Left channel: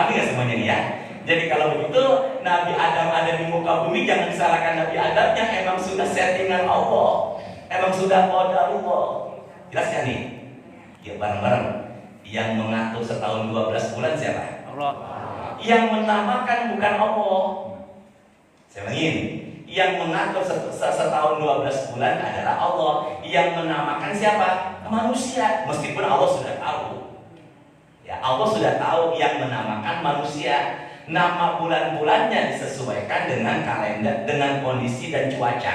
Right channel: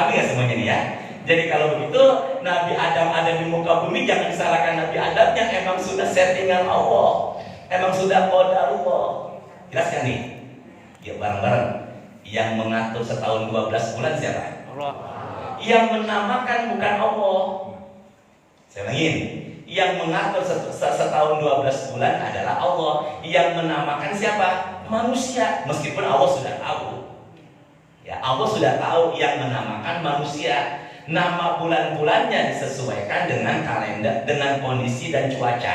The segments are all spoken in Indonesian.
Dipahami nggak semuanya nih ya? Jadi kalau begitu Nabi Adam ada di muka bumi, jangan disalahkan Nabi Adamnya, emang sudah settingan Allah, emang sudah qadarullah. Jelas kan nih? Ya bareng-bareng. Yang mengatur setahun 12 bulan siapa? Allah. Yang menamakan bukan Allah. Saya ulangin, yang mengatur setahun 12 bulan adalah Allah. Yang menamakan siapa? Manusia. Meskipun Allah sudah tahu. Ya, Allah sudah tahu yang menamakan manusia. Nama bulan-bulannya disesuaikan dengan kalender, dengan kondisi dan cuaca.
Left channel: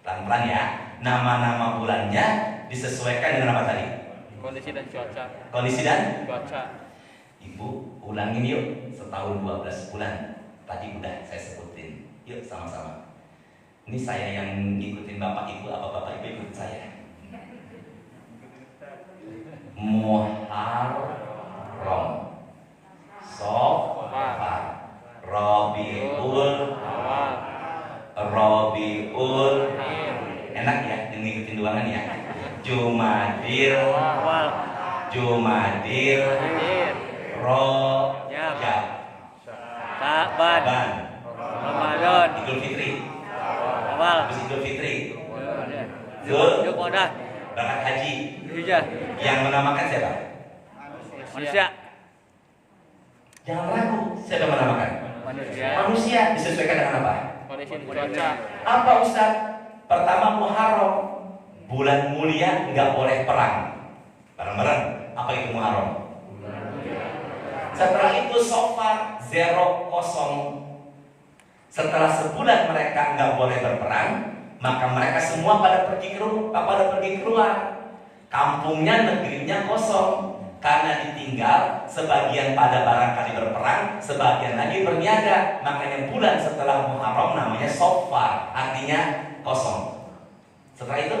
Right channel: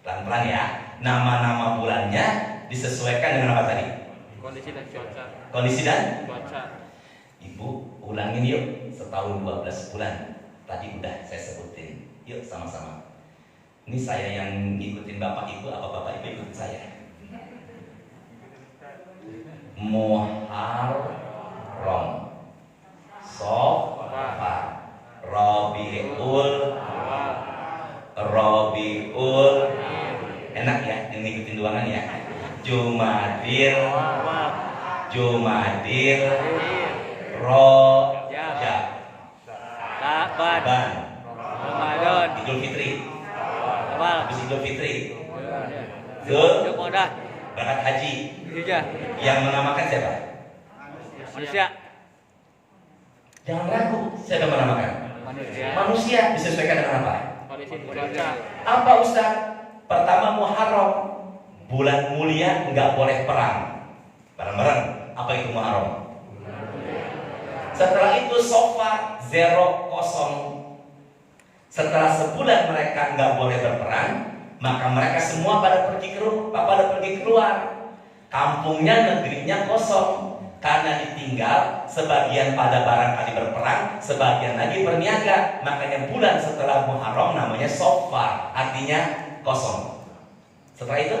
Pelan-pelan ya. Nama-nama bulannya disesuaikan dengan apa tadi? Kondisi dan cuaca. Kondisi dan Cuaca. Ibu ulangin yuk, setahun 12 bulan. Tadi udah saya sebutin. Yuk sama-sama. Ini saya yang ngikutin Bapak Ibu, apa Bapak Ibu ikutin saya? Muharram, Safar, Rabiul, enak ya, ngikutin doangan ya. Jumadil, Rojab, Sa'ban, Ramadan, Idul Fitri, Awal, habis Idul Fitri, Zulqa'dah, Berangkat haji. Hijjah. Yang menamakan siapa? Manusia. Jangan ragu, siapa yang menamakan? Manusia. Manusia. Disesuaikan dengan apa? Kondisi cuaca. Apa Ustaz? Pertama Muharram, bulan mulia, nggak boleh perang. Bareng-bareng. Apa itu Muharram? Setelah itu Safar 0 Setelah sebulan mereka nggak boleh berperang, maka mereka semua pada pergi keluar. Kampungnya, negerinya kosong karena ditinggal. Sebagian pada barangkali berperang, sebagian lagi berniaga. Makanya bulan setelah Muharram namanya Safar, artinya kosong. Setelah itu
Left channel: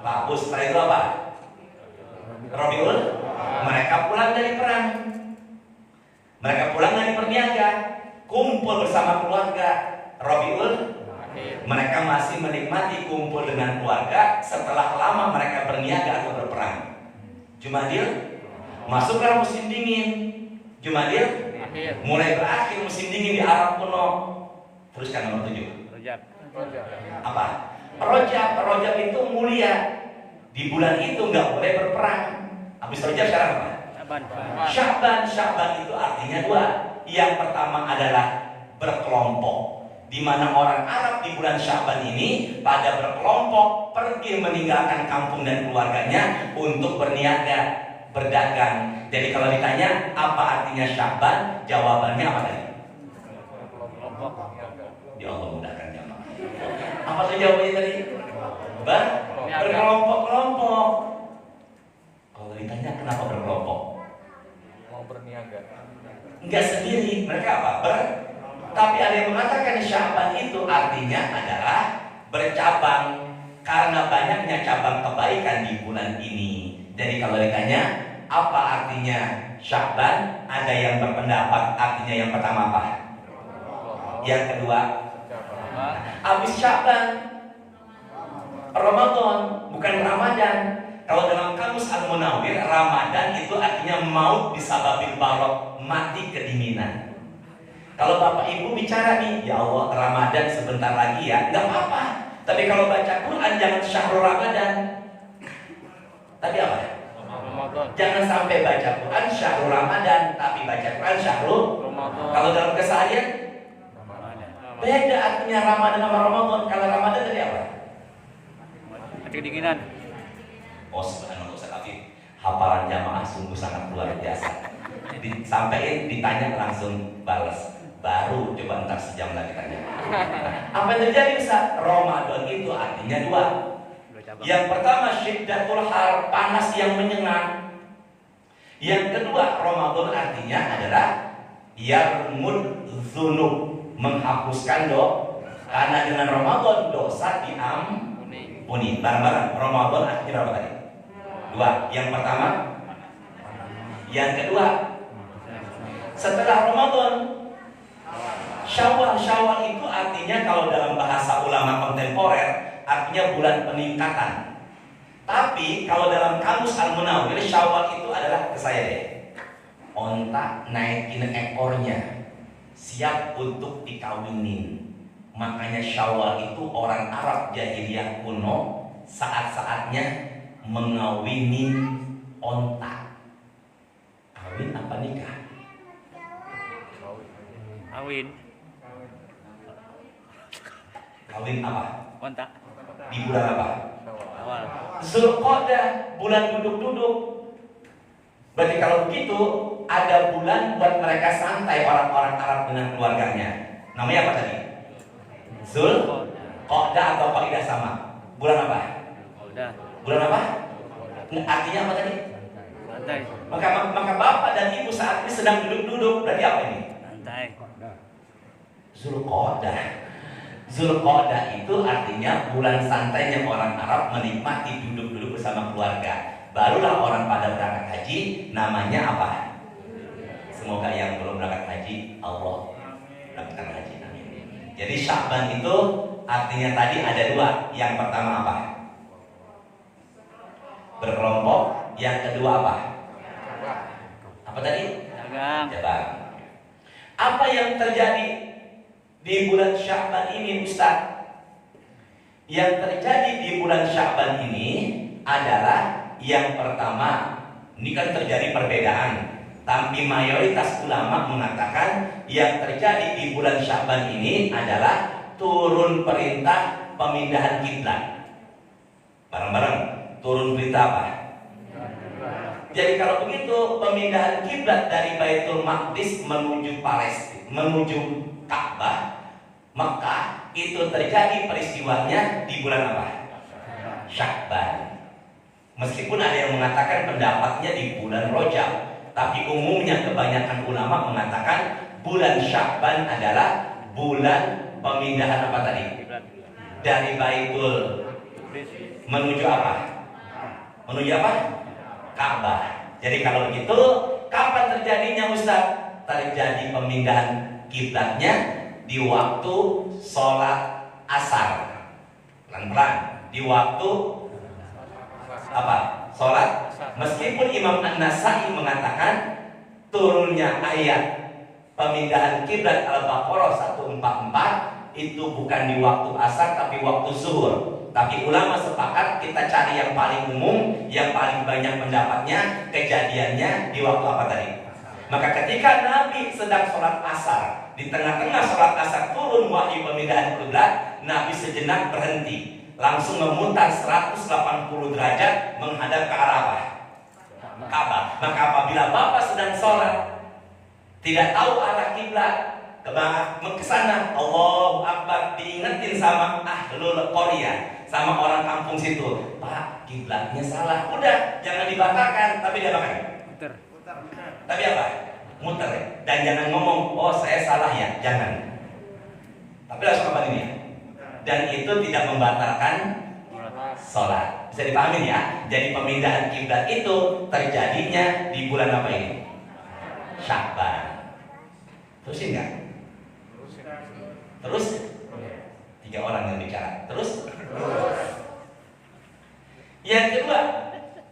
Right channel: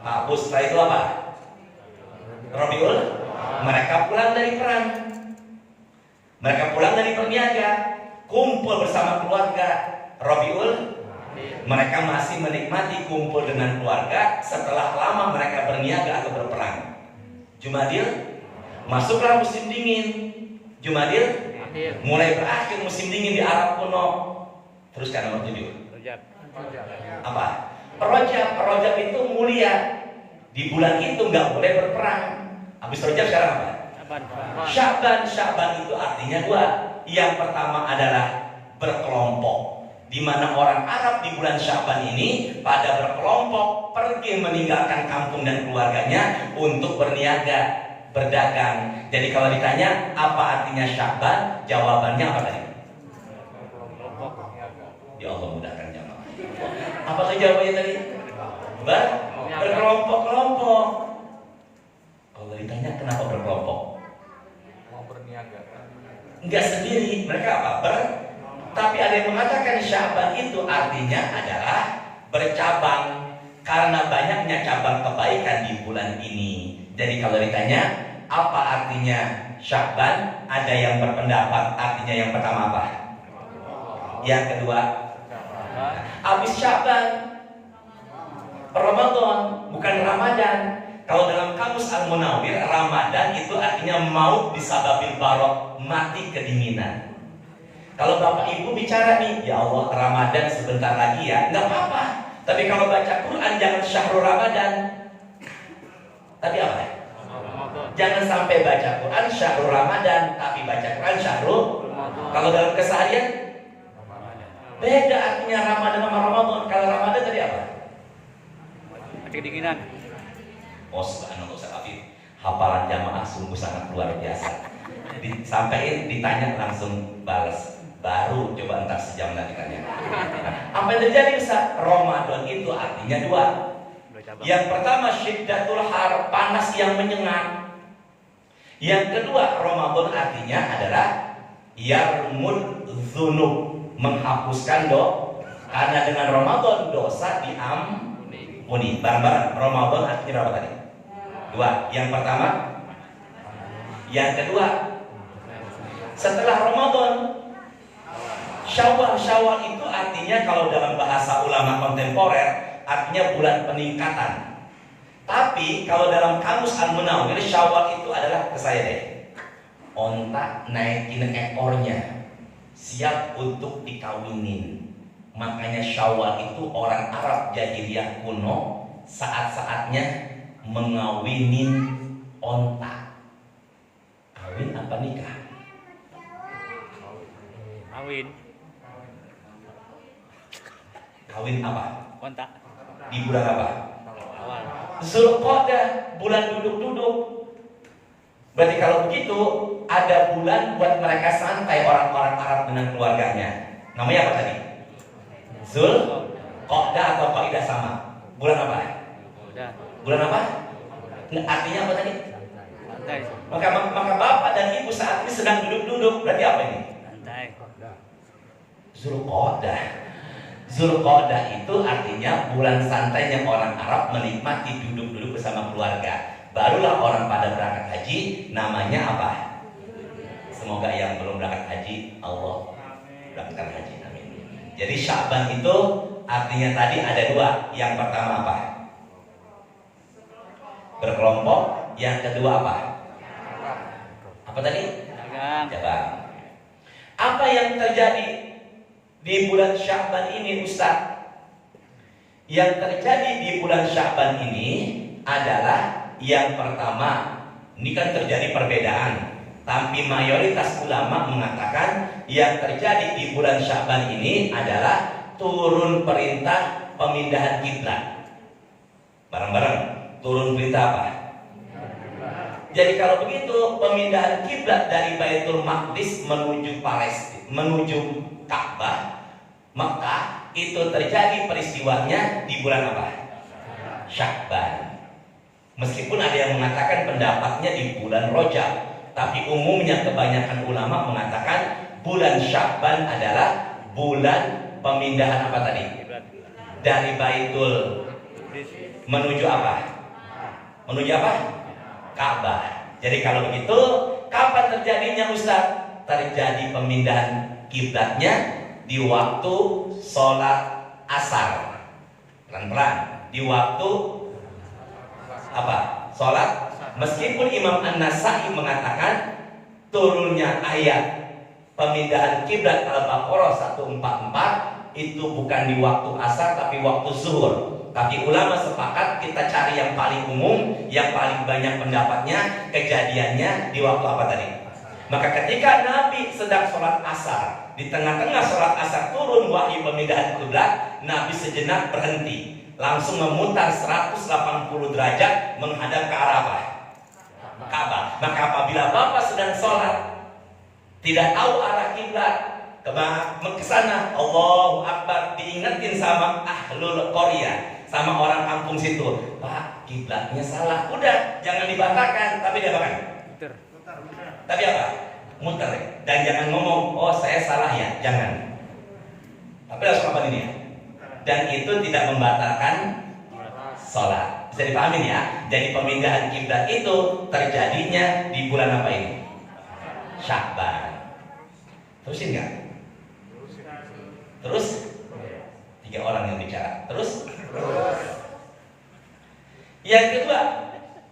hapus. Setelah itu apa? Rabiul. Mereka pulang dari perang, mereka pulang dari berniaga, kumpul bersama keluarga. Rabiul, mereka masih menikmati kumpul dengan keluarga setelah lama mereka berniaga atau berperang. Jumadil, masuklah musim dingin. Jumadil, mulai berakhir musim dingin di Arab kuno. Teruskan nomor 7. Rojab. Apa? Rojab itu mulia. Di bulan itu nggak boleh berperang. Habis Rojab sekarang apa? Sya'ban itu artinya 2. Yang pertama adalah berkelompok, di mana orang Arab di bulan Sya'ban ini pada berkelompok pergi meninggalkan kampung dan keluarganya untuk berniaga, berdagang. Jadi kalau ditanya apa artinya Sya'ban, jawabannya apa tadi? Ya Allah mudahkan jemaah. Apa tuh jawabannya tadi? Berkelompok-kelompok. Kalau ditanya kenapa berkelompok? Enggak sendiri, mereka apa? Tapi ada yang mengatakan Sya'ban itu artinya adalah bercabang karena banyaknya cabang kebaikan di bulan ini. Jadi kalau ditanya apa artinya Sya'ban, ada yang berpendapat artinya yang pertama apa? Yang kedua, habis Sya'ban Ramadan, bukan Ramadan. Kalau dalam kamus Al-Munawwir, Ramadan itu artinya maut bisababil barok, mati kedinginan. Kalau Bapak Ibu bicara nih, ya Allah Ramadan sebentar lagi ya, nggak apa-apa. Tapi kalau baca Quran jangan syahrul Ramadan. Tapi apa? Jangan sampai baca Quran syahrul Ramadan, tapi baca Quran syahrul. Kalau dalam keseharian beda artinya Ramadan sama Ramadan. Kalau Ramadan tadi apa? Mati kedinginan. Oh subhanallah Ustaz Afif, hafalan jamaah sungguh sangat luar biasa. Disampaikan, ditanya langsung balas. Baru coba ntar sejam lagi tanya. Apa yang terjadi Ustaz? Ramadan itu artinya 2. Yang pertama syiddatul har, panas yang menyengat. Yang kedua Ramadan artinya adalah yarmud dzunub, menghapuskan dosa. Karena dengan Ramadan dosa diampuni. Bareng-bareng, Ramadan artinya berapa tadi? 2. Yang pertama, yang kedua. Setelah Ramadan, Syawal itu artinya kalau dalam bahasa ulama kontemporer artinya bulan peningkatan. Tapi kalau dalam kamus Al-Munawwir, Syawal itu adalah ke saya deh. onta naikin ekornya, siap untuk dikawinin. Makanya Syawal itu orang Arab jahiliyah kuno saat-saatnya mengawinin onta. Kawin apa nikah? Kawin. Kawin apa? Kontak. Di bulan apa? Awal. Zulqa'dah, bulan duduk-duduk. Berarti kalau begitu ada bulan buat mereka santai orang-orang Arab dengan keluarganya. Namanya apa tadi? Zulqa'dah atau Qaidah sama? Bulan apa? Udah. Bulan apa? Artinya apa tadi? Santai. Maka bapak dan ibu saat ini sedang duduk-duduk. Berarti apa ini? Santai. Zulqa'dah. Zulqa'dah itu artinya bulan santainya orang Arab menikmati duduk-duduk bersama keluarga. Barulah orang pada berangkat haji, namanya apa? Semoga yang belum berangkat haji, Allah berangkat haji. Amin. Jadi Sya'ban itu artinya tadi ada dua. Yang pertama apa? Berkelompok. Yang kedua apa? Apa tadi? Dagang. Jalan. Apa yang terjadi di bulan Sya'ban ini, Ustaz? Yang terjadi di bulan Sya'ban ini adalah yang pertama, ini kan terjadi perbedaan. Tapi mayoritas ulama mengatakan yang terjadi di bulan Sya'ban ini adalah turun perintah pemindahan kiblat. Bareng-bareng, turun perintah apa? Jadi kalau begitu pemindahan kiblat dari Baitul Maqdis menuju Palestina, menuju Ka'bah, Mekah, itu terjadi peristiwanya di bulan apa? Sya'ban. Meskipun ada yang mengatakan pendapatnya di bulan Rajab, tapi umumnya kebanyakan ulama mengatakan bulan Sya'ban adalah bulan pemindahan apa tadi? Dari Baitul menuju apa? Menuju apa? Ka'bah. Jadi kalau begitu, kapan terjadinya Ustaz? Terjadi pemindahan kiblatnya di waktu sholat asar. Pelan-pelan. Di waktu apa? Sholat. Meskipun Imam An-Nasai mengatakan turunnya ayat pemindahan kiblat Al-Baqarah 144 itu bukan di waktu asar tapi waktu zuhur. Tapi ulama sepakat kita cari yang paling umum, yang paling banyak pendapatnya, kejadiannya di waktu apa tadi? Maka ketika Nabi sedang sholat asar, di tengah-tengah sholat asar turun wahyu pemindahan kiblat, Nabi sejenak berhenti, langsung memutar 180 derajat menghadap ke arah apa? Ka'bah. Maka apabila Bapak sedang sholat, tidak tahu arah kiblat, ke sana, Allahu Akbar, diingetin sama ahlul qaryah, sama orang kampung situ, Pak, kiblatnya salah. Udah, jangan dibatalkan, tapi dia apakan? Muter. Tapi apa? Muter. Dan jangan ngomong, oh saya salah ya, jangan. Tapi langsung apa ini? Dan itu tidak membatalkan sholat. Bisa dipahami ya? Jadi pemindahan kiblat itu terjadinya di bulan apa ini? Sya'ban. Terusin nggak? Terus? 3 orang yang bicara. Terus? Yang kedua,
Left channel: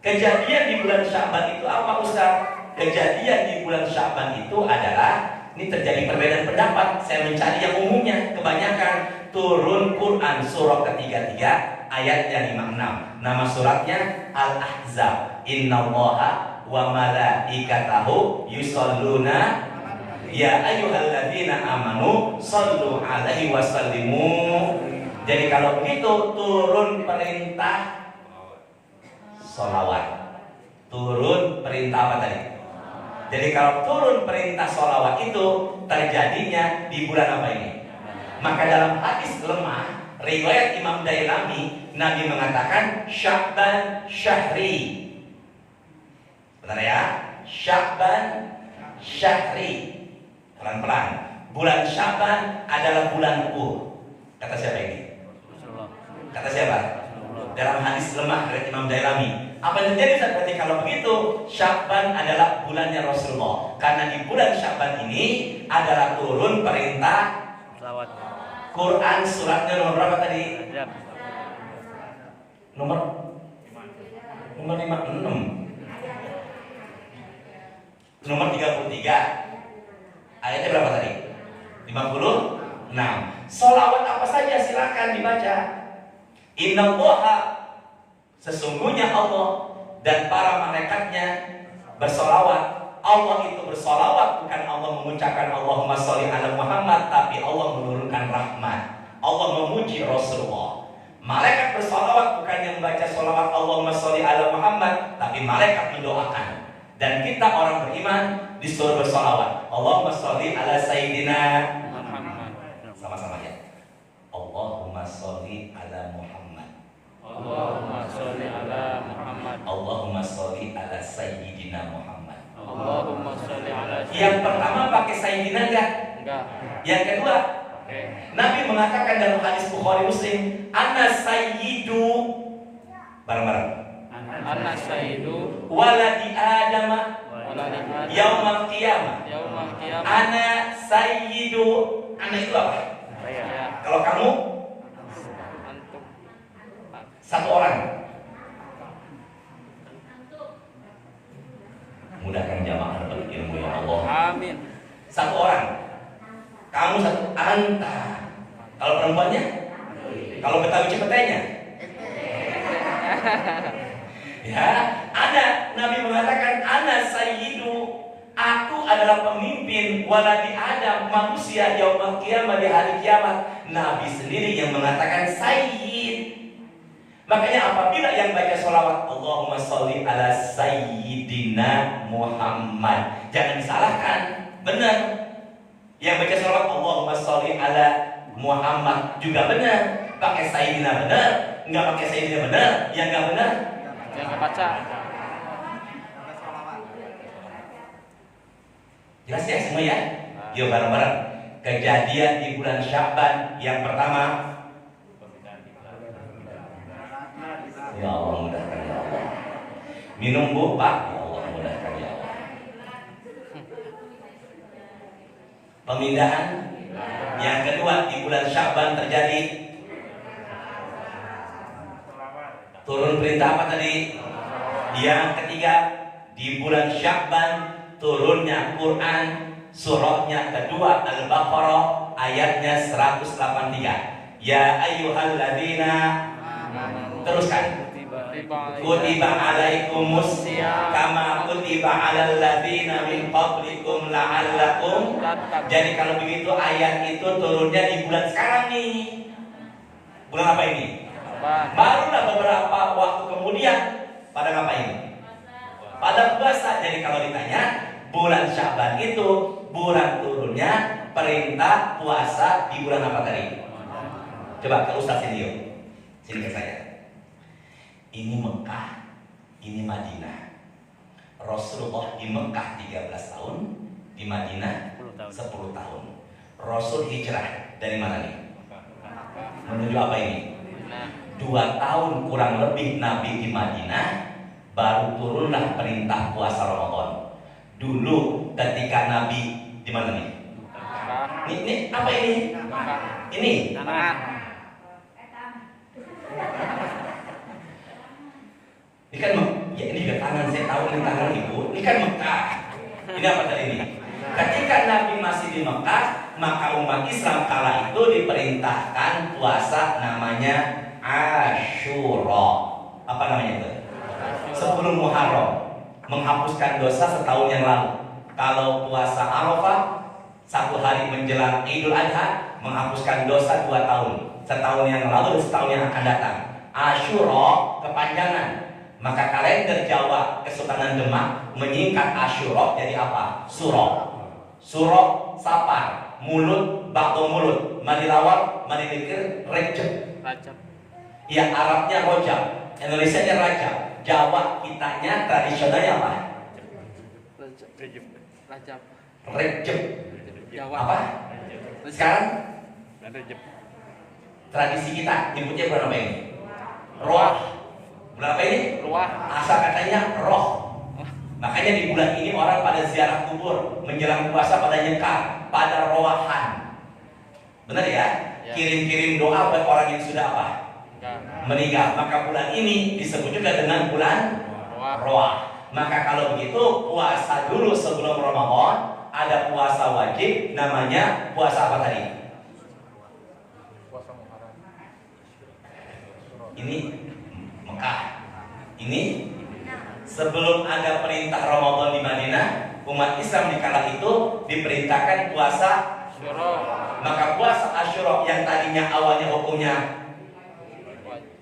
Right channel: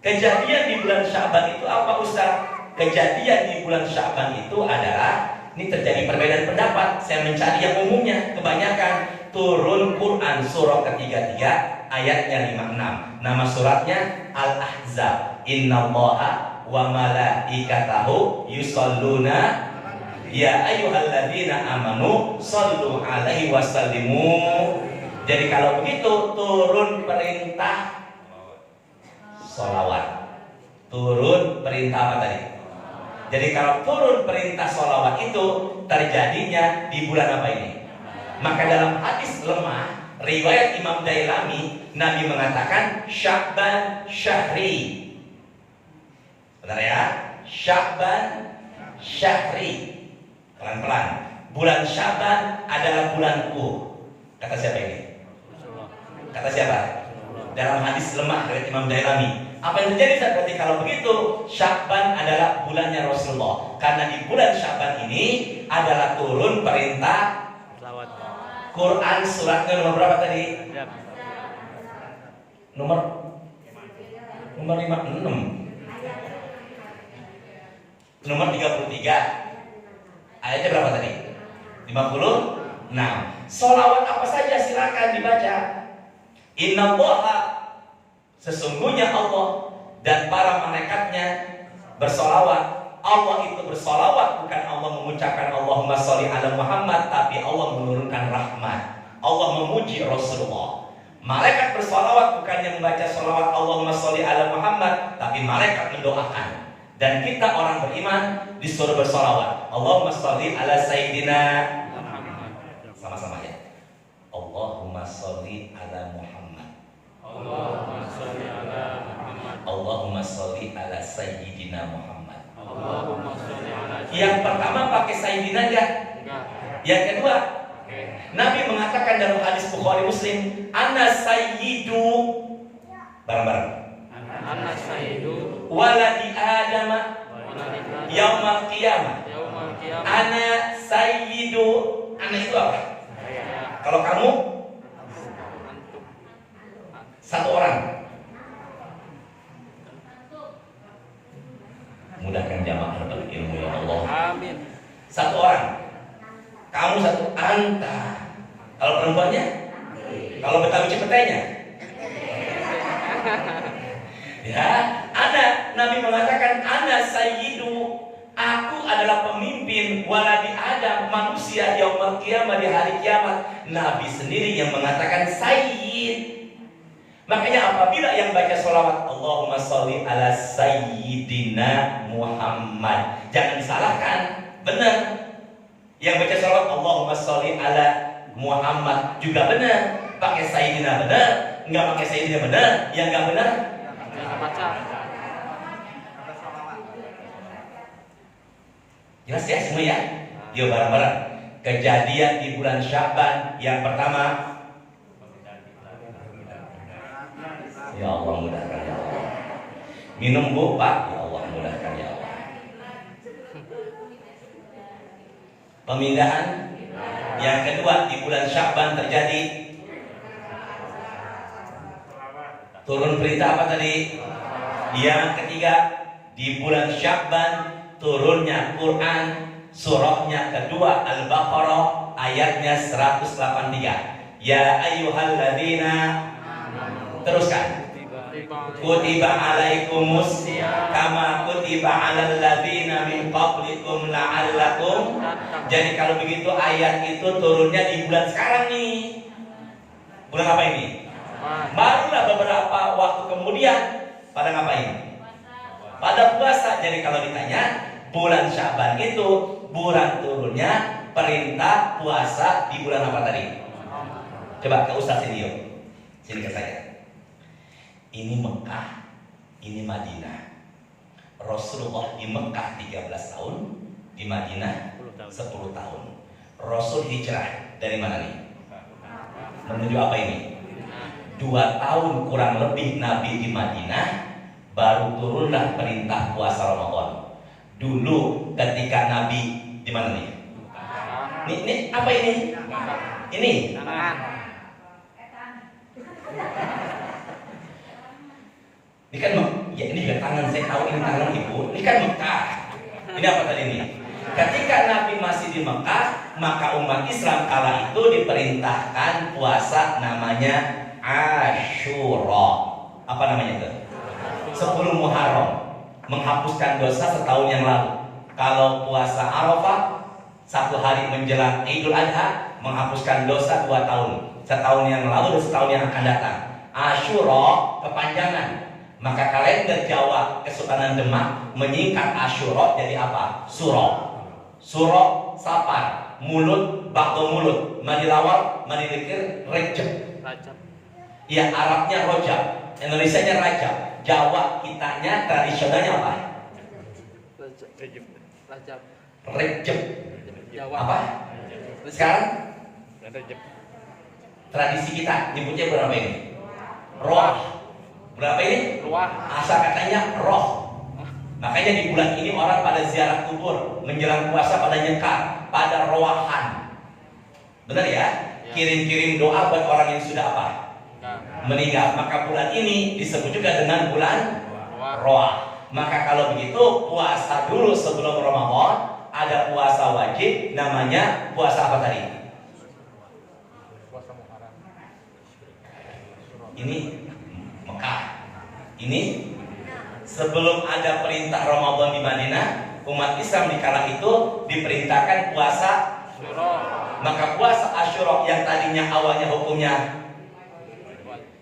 kejadian di bulan Sya'ban itu apa Ustaz? Kejadian di bulan Sya'ban itu adalah, ini terjadi perbedaan pendapat. Saya mencari yang umumnya, kebanyakan turun Quran surah ke-33 ayat yang 56. Nama suratnya Al-Ahzab. Innallaha wa malaikatahu yusholluna ya ayyuhalladzina amanu shallu alaihi wasallimu. Jadi kalau begitu turun perintah sholawat. Turun perintah apa tadi? Jadi kalau turun perintah sholawat itu terjadinya di bulan apa ini? Maka dalam hadis lemah riwayat Imam Dailami, Nabi mengatakan Sya'ban syahri. Benar ya? Sya'ban syahri. Pelan-pelan. Bulan Sya'ban adalah bulanku. Kata siapa ini? Kata siapa? Dalam hadis lemah dari Imam Dailami. Apa yang terjadi saat berarti kalau begitu Sya'ban adalah bulannya Rasulullah. Karena di bulan Sya'ban ini adalah turun perintah Selawat. Quran suratnya nomor berapa tadi? Nomor 56. nomor 33. Ayatnya berapa tadi? 56. Sholawat apa saja silakan dibaca. Innallaha, sesungguhnya Allah dan para malaikatnya bersolawat. Allah itu bersolawat, bukan Allah mengucapkan Allahumma sholli ala Muhammad, tapi Allah menurunkan rahmat. Allah memuji Rasulullah. Malaikat bersolawat, bukannya membaca sholawat Allahumma sholli ala Muhammad, tapi malaikat mendoakan. Dan kita orang beriman disuruh bersolawat. Allahumma sholli ala Sayyidina. Sama-sama ya. Allahumma sholli ala Muhammad. Allahumma sholli ala Muhammad. Allahumma sholli ala Sayyidina Muhammad. Allahumma sholli ala Yang pertama pakai Sayyidina enggak? Enggak. Yang kedua, Oke. Nabi mengatakan dalam hadis Bukhari Muslim, Ana sayyidu, bareng-bareng, Ana sayyidu waladi Adam waladina yaumal qiyamah. yaumal qiyamah. Ana sayyidu. Ana itu apa? Saya Kalau kamu satu orang. Mudahkan jamaah berilmu ya Allah. amin. Satu orang. Kamu satu, anta. Kalau perempuannya? Kalau Betawi Cepetenya? Ya, ada. Nabi mengatakan, Ana sayyidu. Aku adalah pemimpin waladi Adam, manusia yaumul qiyamah, di hari kiamat. Nabi sendiri yang mengatakan sayyid. Makanya apabila yang baca sholawat Allahumma sholli ala Sayyidina Muhammad, jangan disalahkan, benar. Yang baca sholawat Allahumma sholli ala Muhammad juga benar. Pakai Sayyidina benar, nggak pakai Sayyidina benar. Yang nggak benar Jangan baca. jelas ya semua ya. Yuk bareng-bareng. Kejadian di bulan Sya'ban yang pertama. Ya Allah mudahkan ya Allah. Minum bu Pak. Ya Allah mudahkan ya Allah. Pemindahan yang kedua di bulan Sya'ban terjadi. Turun perintah apa tadi? Yang ketiga di bulan Sya'ban turunnya Quran, surahnya kedua Al-Baqarah, ayatnya 183. Ya ayyuhalladzina, teruskan. Kutiba alaikumus kama kutiba alal ladzina min qablikum la'allakum. Jadi kalau begitu ayat itu turunnya di bulan sekarang nih. Bulan apa ini? Barulah beberapa waktu kemudian pada ngapain? Pada puasa. Jadi kalau ditanya, bulan Sya'ban itu bulan turunnya perintah puasa di bulan apa tadi? Coba ke Ustaz sini yuk. Sini ke saya. Ini Mekah, ini Madinah. Rasulullah di Mekah 13 tahun, di Madinah 10 tahun. Rasul hijrah dari mana nih? Menuju apa ini? 2 tahun kurang lebih Nabi di Madinah, baru turunlah perintah puasa Ramadan. Dulu ketika Nabi di mana nih? Ini apa ini? Ini Tangan. ini kan ya ini juga tangan, saya tahu ini tangan ibu. Ini kan Mekah. Ini apa tadi ini? Ketika Nabi masih di Mekah, maka umat Islam kala itu diperintahkan puasa namanya Asyura. Apa namanya itu? 10 Muharram, menghapuskan dosa setahun yang lalu. Kalau puasa Arafah 1 hari menjelang Idul Adha, menghapuskan dosa 2 tahun, setahun yang lalu dan setahun yang akan datang. Asyura kepanjangan. Maka kalender Jawa Kesultanan Demak menyingkat Asyura jadi apa? Suro. Suro sapar, mulut, bakto mulut, manilawar, manidikir, rejep. Ya Arabnya rojab, Indonesianya rajab. Jawa kitanya tradisionalnya apa? Rejep. Apa? Sekarang tradisi kita nyebutnya berapa ini? Roh. Berapa ini? Asal katanya roh. Makanya di bulan ini orang pada ziarah kubur, menjelang puasa pada nyekar, pada roahan. Benar ya? Kirim-kirim doa buat orang yang sudah apa? Meninggal. Maka bulan ini disebut juga dengan bulan roah. Maka kalau begitu puasa dulu sebelum Ramadan. Ada puasa wajib namanya puasa apa tadi? Ini Mekah. Ini sebelum ada perintah Ramadan di Madinah, umat Islam di kala itu diperintahkan puasa. Maka puasa Asyura yang tadinya awalnya hukumnya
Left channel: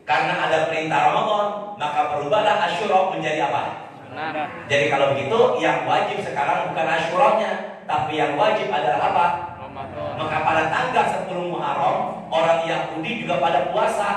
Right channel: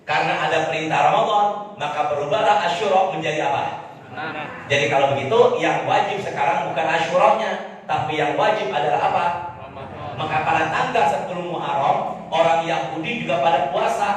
karena ada perintah Ramadan, maka berubahlah Asyura menjadi apa? Jadi kalau begitu yang wajib sekarang bukan Asyuranya, tapi yang wajib adalah apa? Maka pada tanggal 10 Muharram orang Yahudi juga pada puasa.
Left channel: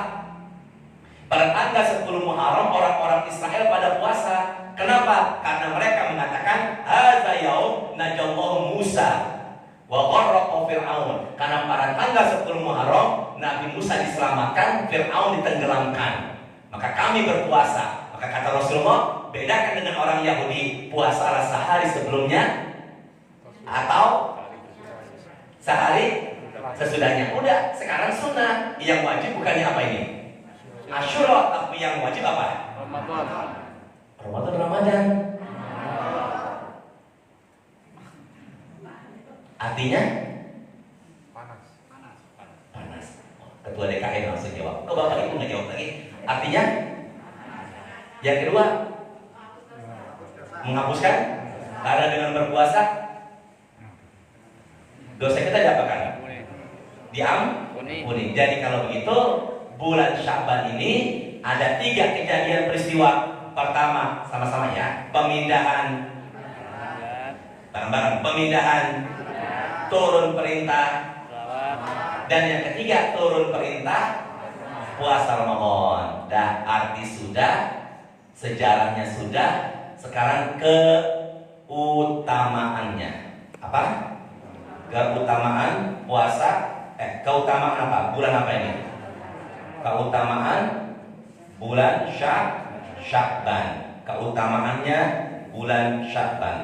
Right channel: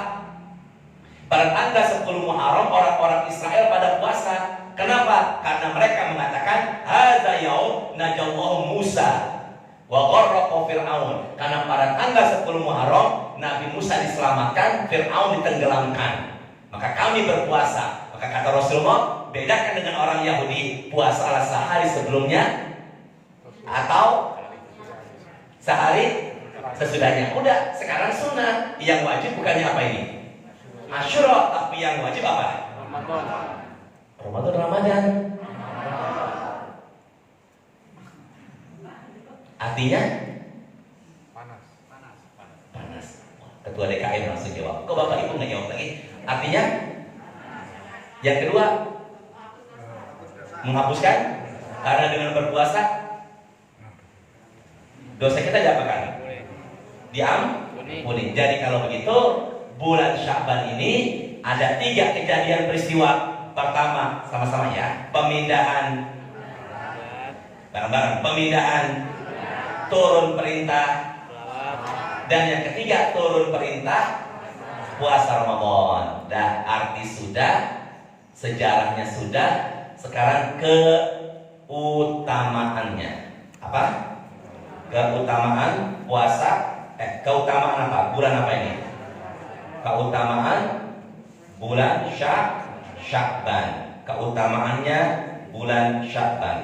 Pada tanggal 10 Muharram orang-orang Israel pada puasa. Kenapa? Karena mereka mengatakan hadza yaum najallahu Musa wa gharraqa Fir'aun. Karena pada tanggal 10 Muharram Nabi Musa diselamatkan, Fir'aun ditenggelamkan. Maka kami berpuasa. Maka kata Rasulullah, bedakan dengan orang Yahudi, puasa sehari sebelumnya atau sehari sesudahnya. Udah, sekarang sunnah. Yang wajib bukannya apa ini? Asyura, tapi yang wajib apa? Ramadan. Artinya panas. Ketua DKM langsung jawab. Kok Bapak Ibu nggak jawab lagi? Artinya yang kedua menghapuskan karena dengan berpuasa dosa kita diapakan? Diampuni. Jadi kalau begitu bulan Sya'ban ini ada 3 kejadian peristiwa. Pertama, sama-sama ya, pemindahan bareng-bareng, pemindahan, turun perintah, dan yang ketiga turun perintah puasa Ramadan. Dan arti sudah, sejarahnya sudah, sekarang keutamaannya apa? Keutamaan puasa, keutamaan apa? Bulan apa ini? Keutamaan bulan Sya'ban. Keutamaannya bulan Sya'ban.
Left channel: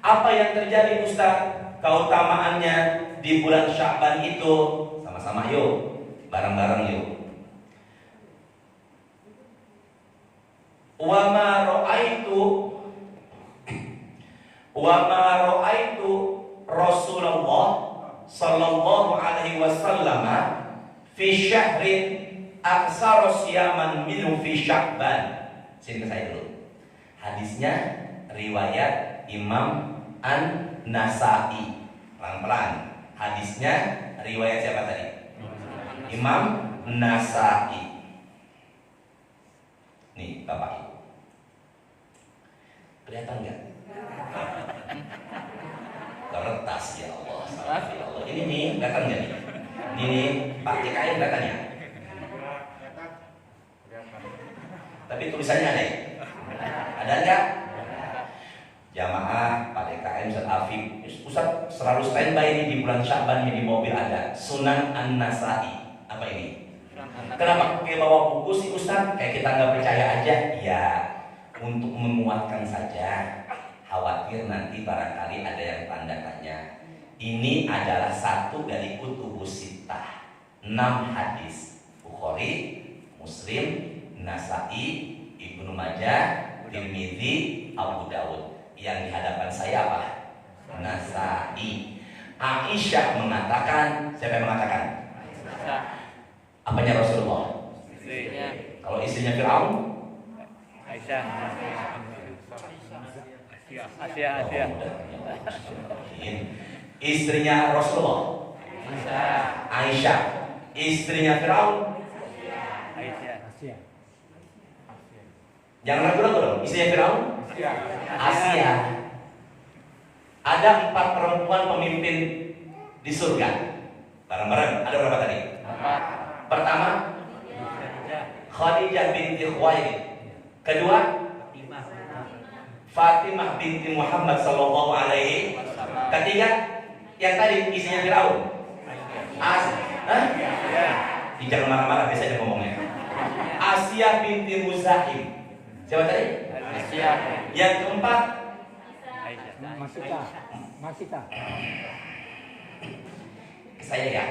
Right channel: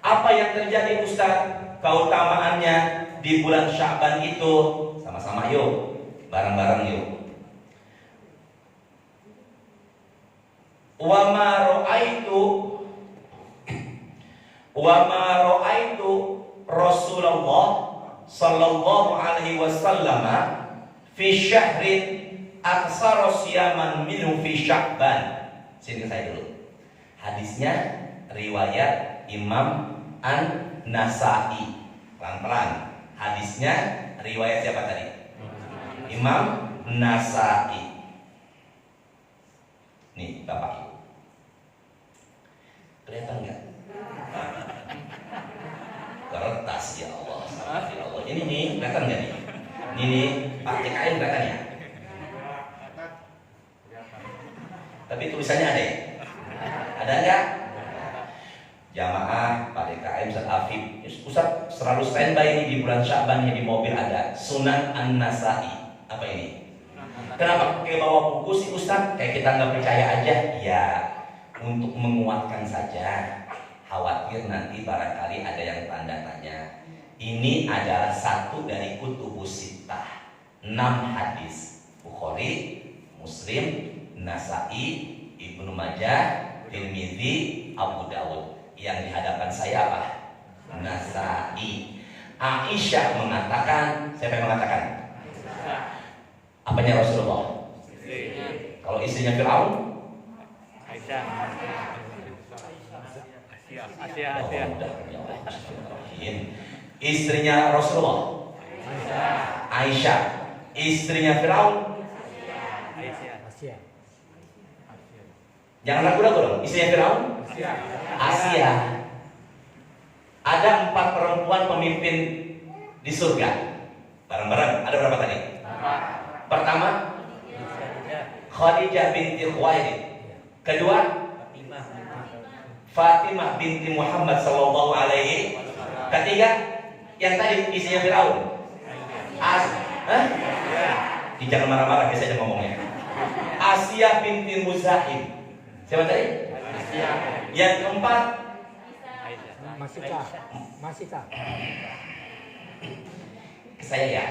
Apa yang terjadi Ustaz? Keutamaannya di bulan Sya'ban itu, sama-sama yuk, bareng-bareng yuk. Wa ma ra'aitu Rasulullah sallallahu alaihi wasallam fi syahrin aksara siyaman minhu fi Sya'ban. Sini saya dulu. Hadisnya riwayat Imam An-Nasa'i. Pelan-pelan. Hadisnya riwayat siapa tadi? Imam Nasa'i. Nih Bapak Ibu, kelihatan nggak? Kertas ya Allah. Ini nih kelihatan nggak nih? Ini nih Pak TKN kelihatan ya? Tapi tulisannya ada ya? Ada nggak? Jamaah Pak TKN Ustaz Afif, Ustaz selalu standby ini di bulan Sya'ban ini di mobil ada Sunan An-Nasa'i. Apa ini? Kenapa pakai bawa buku sih Ustaz? Kayak kita nggak percaya aja. Ya, untuk menguatkan saja. Khawatir nanti barangkali ada yang tanda tanya. Ini adalah satu dari kutubus sittah, 6 hadis. Bukhari, Muslim, Nasa'i, Ibnu Majah, Tirmidzi, Abu Dawud. Yang dihadapkan saya apa? Nasa'i. Aisyah mengatakan, siapa yang mengatakan? Apanya Rasulullah? Kalau istrinya Fir'aun? Aisyah. Istrinya Rasulullah? Aisyah. Istrinya Fir'aun? Jangan ragu-ragu dong. Istrinya Fir'aun? Asia. Ada 4 perempuan pemimpin di surga. Bareng-bareng. Ada berapa tadi? Pertama, Khadijah binti Khuwailid. Kedua, Fatimah binti Muhammad sallallahu alaihi. Ketiga, yang tadi istrinya Firaun. Jangan marah-marah, biasanya ngomongnya. Asia binti Muzahim. Siapa tadi? Asia. Yang keempat, Masika. Saya ya.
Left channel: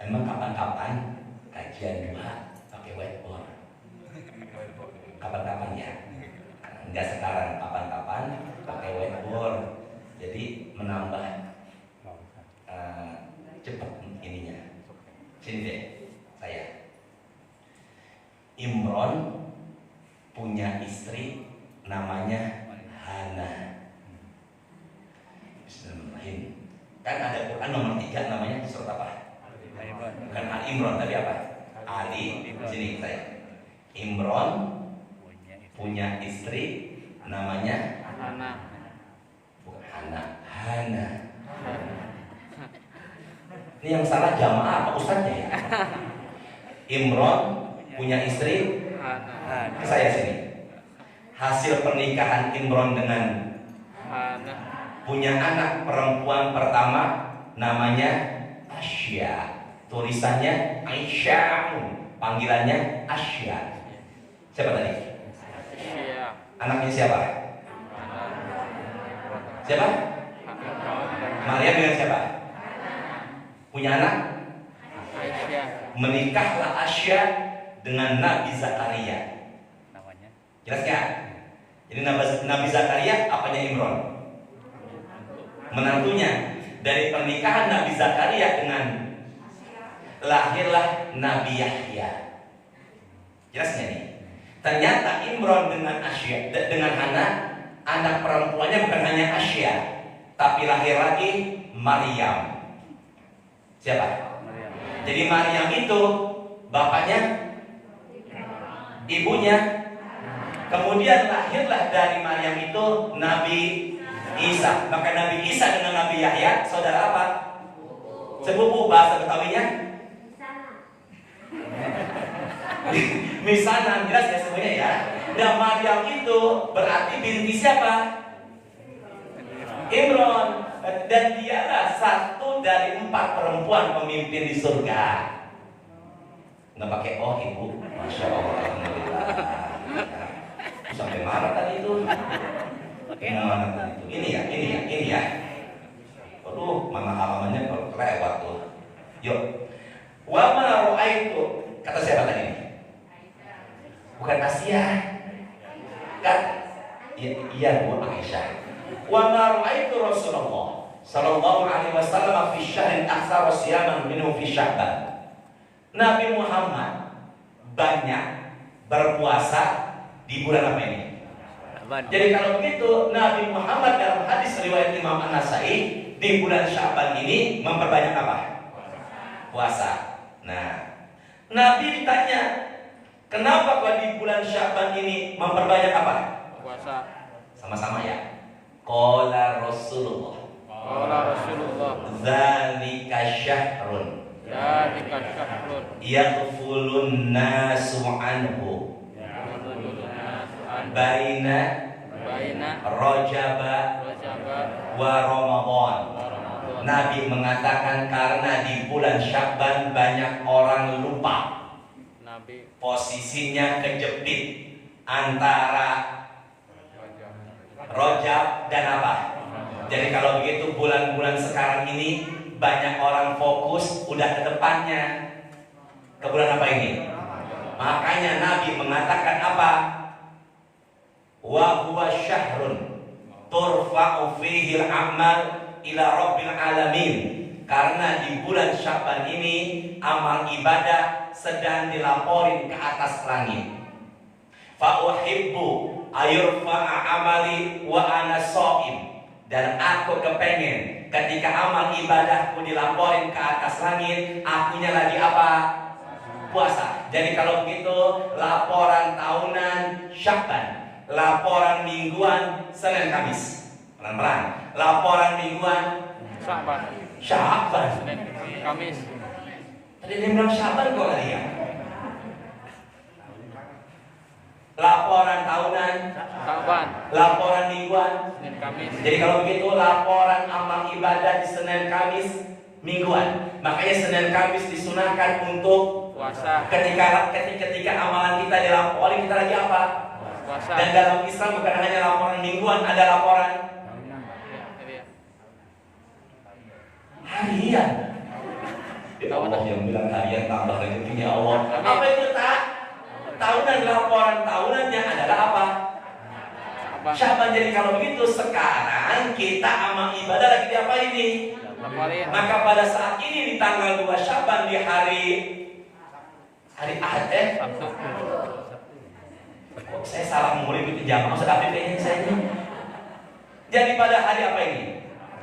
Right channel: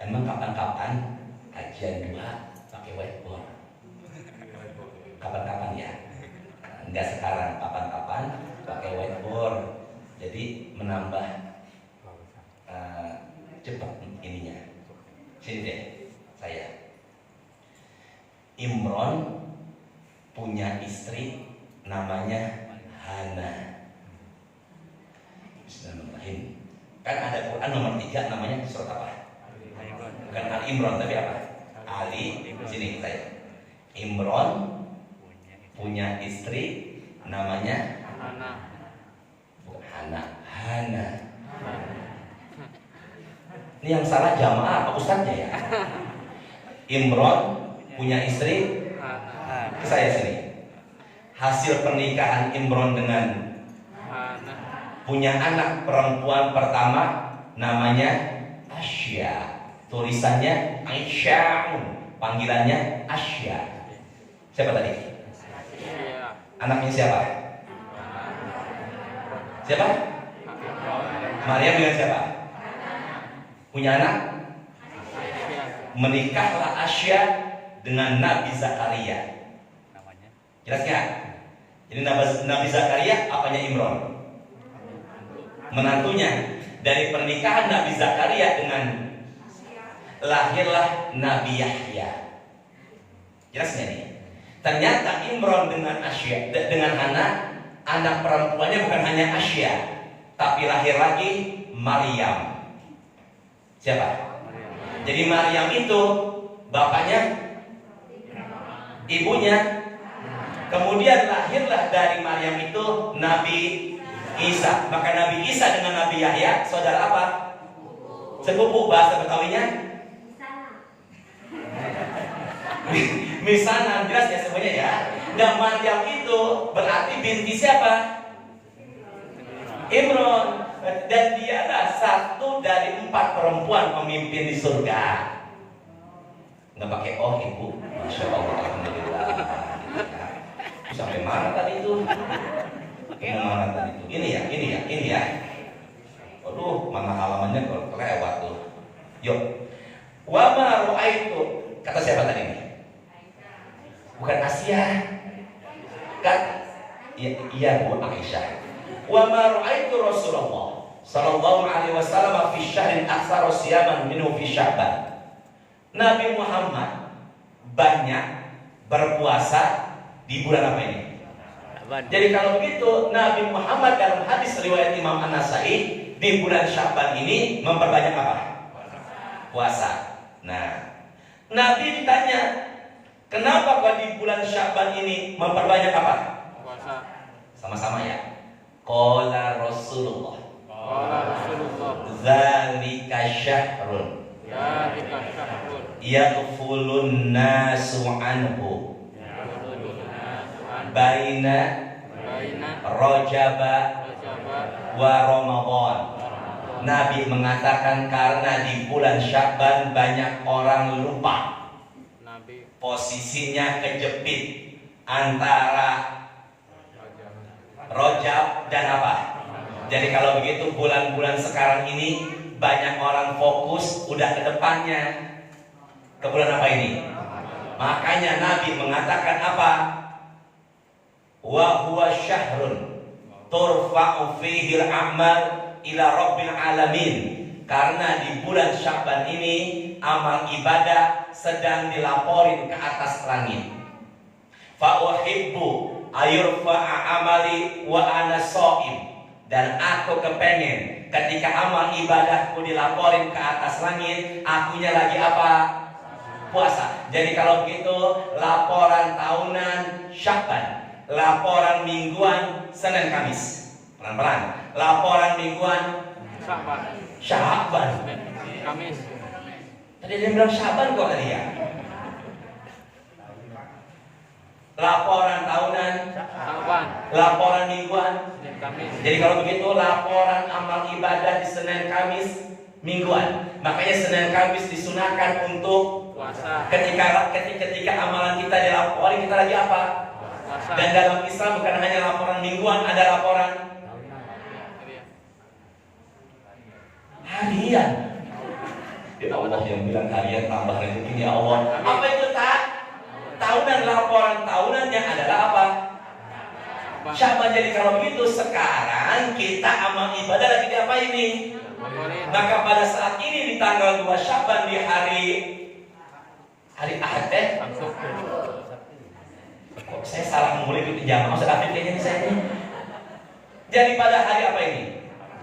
Emang kapan-kapan kajian 2 pakai whiteboard? Kapan-kapan ya? Kan ada Quran nomor 3 namanya surat apa? Bukan Ali Imran tapi apa? Ali sini saya. Imran punya istri namanya Hana. Ini yang salah jamaah apa ustaznya ya? Imran punya istri saya sini. Hasil pernikahan Imran dengan punya anak perempuan pertama namanya Asya. Tulisannya Aisyah, panggilannya Asya. Siapa tadi? Anaknya siapa? Siapa? Maria dengan siapa? Punya anak? Menikahlah Asya dengan Nabi Zakaria. Jelas gak? Jadi Nabi Zakaria apanya Imran? Menantunya. Dari pernikahan Nabi Zakaria dengan lahirlah Nabi Yahya. Jelas gak nih? Ternyata Imran dengan Asya, dengan anak perempuannya bukan hanya Asya, tapi lahir lagi Maryam. Siapa? Jadi Maryam itu bapaknya, ibunya. Kemudian lahirlah dari Maryam itu Nabi Isa. Maka Nabi Isa dengan Nabi Yahya saudara apa? Sepupu. Bahasa Betawinya misanan. Jelas ya semuanya ya. Dan Maryam itu berarti binti siapa? Imran. Dan dialah satu dari 4 perempuan pemimpin di surga. Nggak pakai oh ibu. Masya Allah, alhamdulillah. Sampai marah tadi itu. Marah tadi itu. Ini ya. Aduh, mana halamannya kelewat tuh. Yuk. Wa ma ra'aitu. Kata siapa tadi ini? Bukan Asia. Kan? Iya, Bu Aisyah. Wa ma ra'aitu Rasulullah sallallahu alaihi wasallam fi syahrin aktsara siyaman minhu fi Sya'ban. Nabi Muhammad banyak berpuasa di bulan apa ini? Jadi kalau gitu Nabi Muhammad dalam hadis riwayat Imam An-Nasai di bulan Sya'ban ini memperbanyak apa? Puasa. Nah, Nabi ditanya, kenapa kalau di bulan Sya'ban ini memperbanyak apa? Puasa. Sama-sama ya. Qala Rasulullah. Dzalika syahrun. Yaghfulun nasu anhu. Baina Rajab wa Ramadan. Nabi mengatakan karena di bulan Sya'ban banyak orang lupa. Posisinya kejepit antara Rajab dan apa? Jadi kalau begitu bulan-bulan sekarang ini banyak orang fokus udah ke depannya. Ke bulan apa ini? Makanya Nabi mengatakan apa? Wa huwa syahrun turfa'u fihi al-a'mal ila rabbil alamin. Karena di bulan Sya'ban ini amal ibadah sedang dilaporin ke atas langit. Fa uhibbu ayurfa'a amali wa ana shaim. Dan aku kepengen ketika amal ibadahku dilaporin ke atas langit, akunya lagi apa? Puasa. Jadi kalau begitu laporan tahunan Sya'ban, laporan mingguan Senin Kamis. Pelan-pelan. Laporan mingguan Sya'ban. Kamis. Tadi dia bilang Sya'ban kok tadi ya? Laporan tahunan Sya'ban. Laporan mingguan Senin Kamis. Jadi kalau begitu laporan amal ibadah di Senin Kamis mingguan. Makanya Senin Kamis disunahkan untuk puasa. Ketika amalan kita dilaporin, kita lagi apa? Puasa. Dan dalam Islam bukan hanya laporan mingguan, ada laporan harian. Ya Allah yang bilang harian tambah rezeki ya Allah. Apa itu tak? Tahunan, laporan tahunannya adalah apa? Sya'ban. Jadi kalau begitu sekarang kita amal ibadah lagi di apa ini? Maka pada saat ini di tanggal 2 Sya'ban di hari Ahad saya salah mulai itu jamaah sedapin kayaknya saya ini. Jadi pada hari apa ini?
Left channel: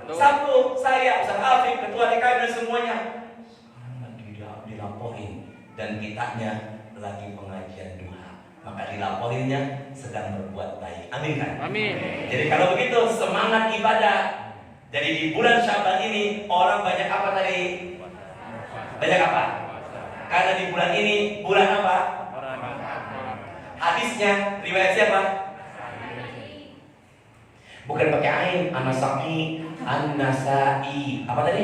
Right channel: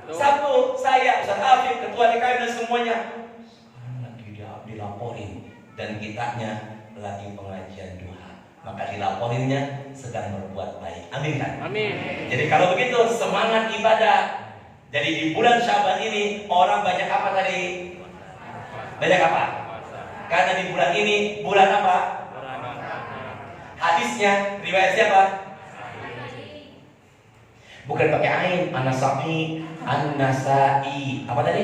Sabtu saya, Ustaz Afif, ketua DKM dan semuanya sekarang lagi dilaporin dan kitanya lagi pengajian duha, maka dilaporinnya sedang berbuat baik. Amin kan? Amin. Jadi kalau begitu semangat ibadah. Jadi di bulan Syaban ini orang banyak apa tadi? Banyak apa? Karena di bulan ini bulan apa? Hadisnya riwayat siapa? Bukan pakai ain, An-Nasa'i, An-Nasa'i. Apa tadi?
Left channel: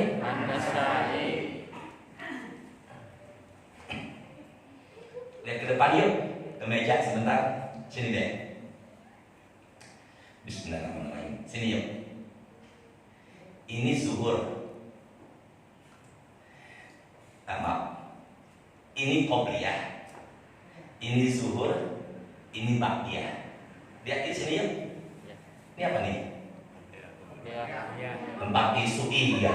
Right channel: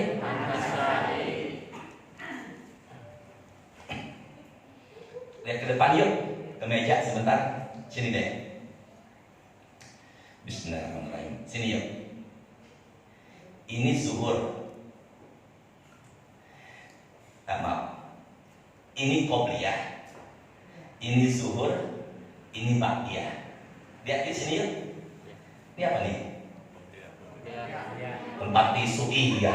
Lihat ke depan yuk, ke meja sebentar. Sini deh. Bismillahirrahmanirrahim. Sini yuk. Ini zuhur. Maaf. Ini qobliyah. Ini zuhur. Ini baqiyah. Lihat di sini yuk. Ini apa nih? Tempat tisu. Iya.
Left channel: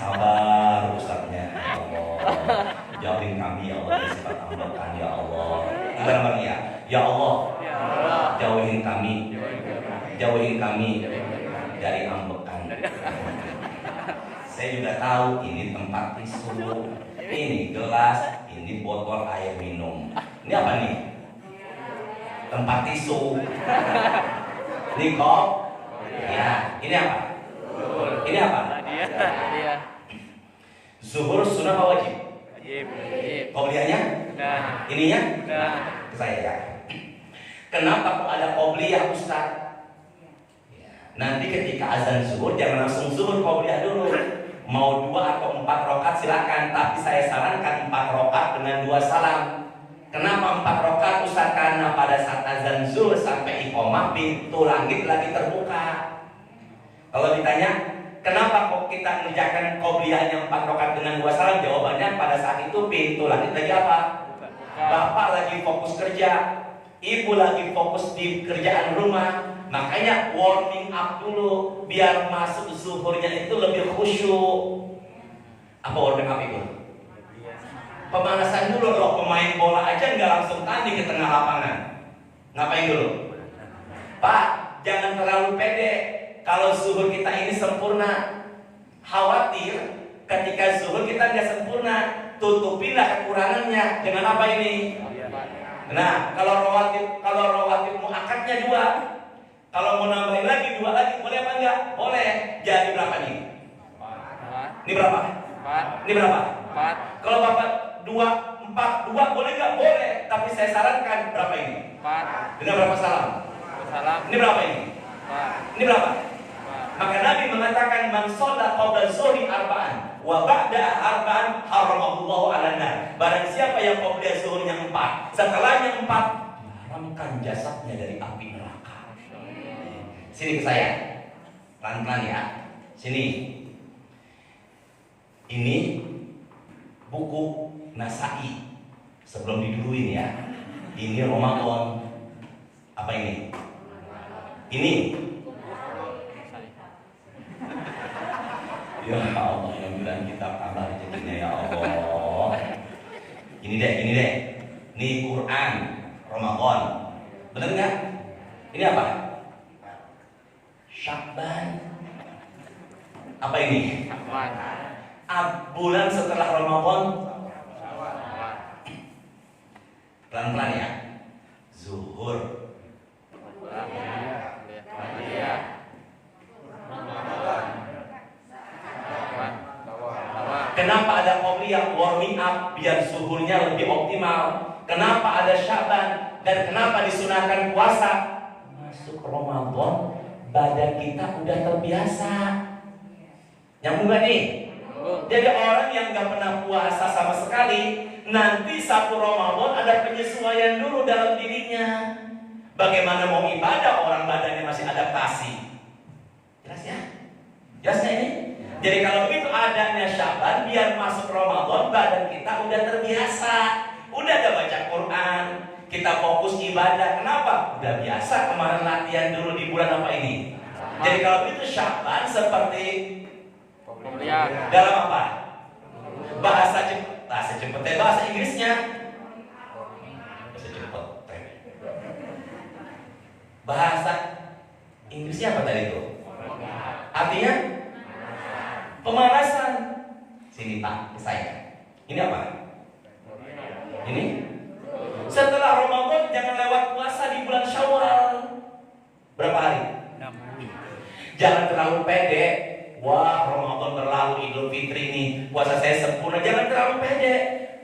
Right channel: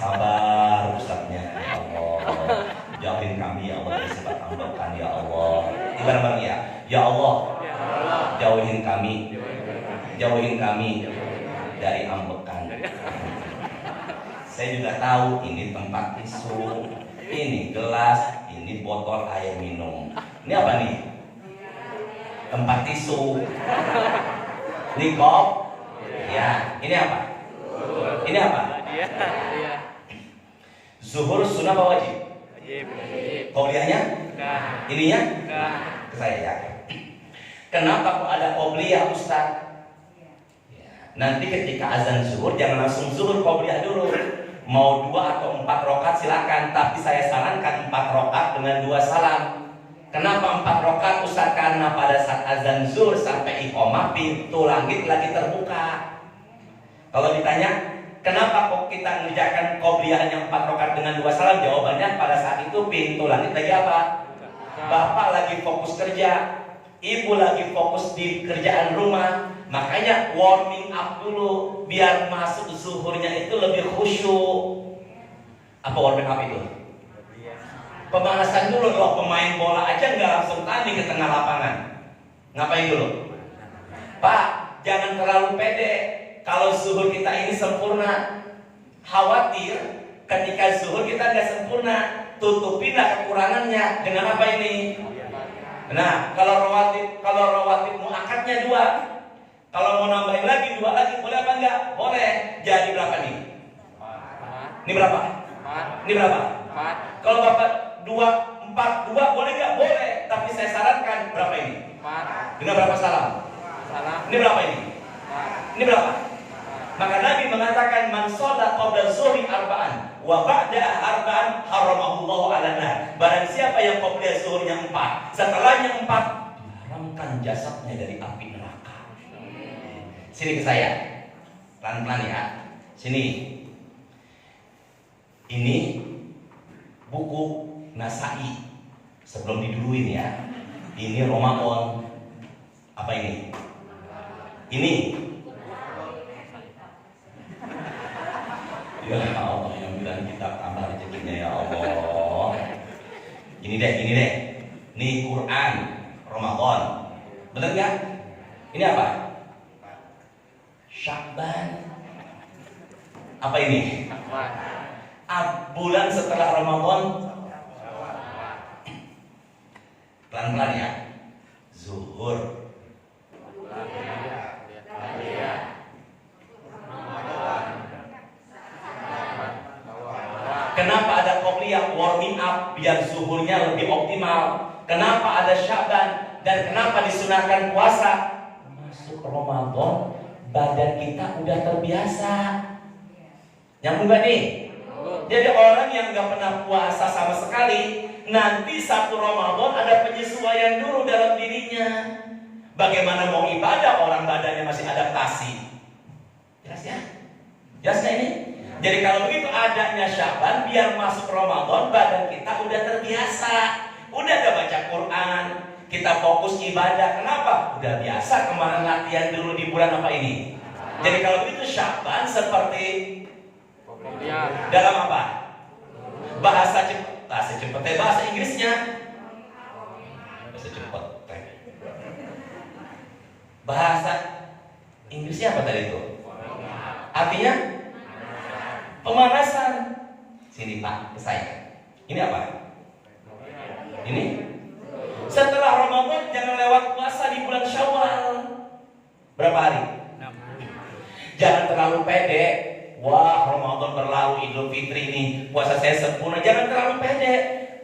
Sabar Ustaznya. Ya Allah. Jauhin kami ya Allah dari sifat ambekan ya Allah. Ingat bang ya. Ya Allah. Jauhin kami. Jauhin kami dari ambekan. Saya juga tahu ini tempat tisu, ini gelas, ini botol air minum. Ini apa nih? Tempat tisu. Ini kop. Ya, ini apa? Ini apa? Zuhur sunnah apa wajib? Qobliyahnya? Ininya? Saya ya. Kenapa kok ada qobliyah Ustaz? Nanti ketika azan zuhur jangan langsung zuhur, qobliyah dulu. Mau 2 atau 4 rakaat silakan, tapi saya sarankan 4 rakaat dengan 2 salam. Kenapa 4 rakaat Ustaz? Karena pada saat azan zuhur sampai iqamah pintu langit lagi terbuka. Kalau ditanya, kenapa kok kita mengerjakan qobliyahnya 4 rakaat dengan 2 salam? Jawabannya pada saat itu pintu langit lagi apa? Bapak lagi fokus kerja, ibu lagi fokus di kerjaan rumah. Makanya warming up dulu biar masuk zuhurnya itu lebih khusyuk. Apa warming up itu? Pemanasan dulu. Loh, pemain bola aja nggak langsung tanding ke tengah lapangan. Ngapain dulu? Pak, jangan terlalu pede. Kalau zuhur kita ini sempurna, khawatir ketika zuhur kita nggak sempurna, tutupinlah kekurangannya dengan apa ini? Nah, kalau rawatib muakkadnya 2. Kalau mau nambahin lagi 2 lagi, boleh apa enggak? Boleh. Jadi berapa nih? Ini berapa? Ini berapa? Kalau Bapak 4, 2 boleh enggak? Boleh. Tapi saya sarankan berapa ini? Dengan berapa salam? Ini berapa ini? Ini berapa? Maka Nabi mengatakan man shalla qabla zuhri arba'an wa ba'da arba'an haramahullahu 'alan nar. Barang siapa yang qabla zuhurnya 4, setelahnya 4 diharamkan jasadnya dari api neraka. Sini ke saya. Pelan-pelan ya. Sini. Ini buku Nasa'i. Sebelum diduluin ya. Ini Ramadan. Apa ini? Ini. Ya Allah, yang bilang kita tambah rezekinya ya Allah. Ini deh. Ini Quran Ramadan. Bener nggak? Ini apa? Sya'ban. Apa ini? Bulan setelah Ramadan. Pelan-pelan ya. Zuhur. Kenapa ada qobliyah warming up biar zuhurnya lebih optimal? Kenapa ada Sya'ban dan kenapa disunahkan puasa? Masuk Ramadan badan kita udah terbiasa. Nyambung gak nih? Jadi orang yang gak pernah puasa sama sekali, nanti 1 Ramadan ada penyesuaian dulu dalam dirinya. Bagaimana mau ibadah orang badannya masih adaptasi? Jelas ya? Jelas gak ini? Jadi kalau begitu adanya Sya'ban biar masuk Ramadan badan kita udah terbiasa. Udah ada baca Quran, kita fokus ibadah. Kenapa? Udah biasa kemarin latihan dulu di bulan apa ini. Jadi kalau itu Sya'ban seperti dalam apa? Bahasa Inggrisnya. Bahasa Inggrisnya apa tadi itu? Artinya pemanasan. Sini Pak, saya. Ini apa? Ini setelah Ramadan jangan lewat puasa di bulan Syawal. Berapa hari? 6. Jangan terlalu pede. Wah, Ramadan berlalu, Idul Fitri ini puasa saya sempurna. Jangan terlalu pede.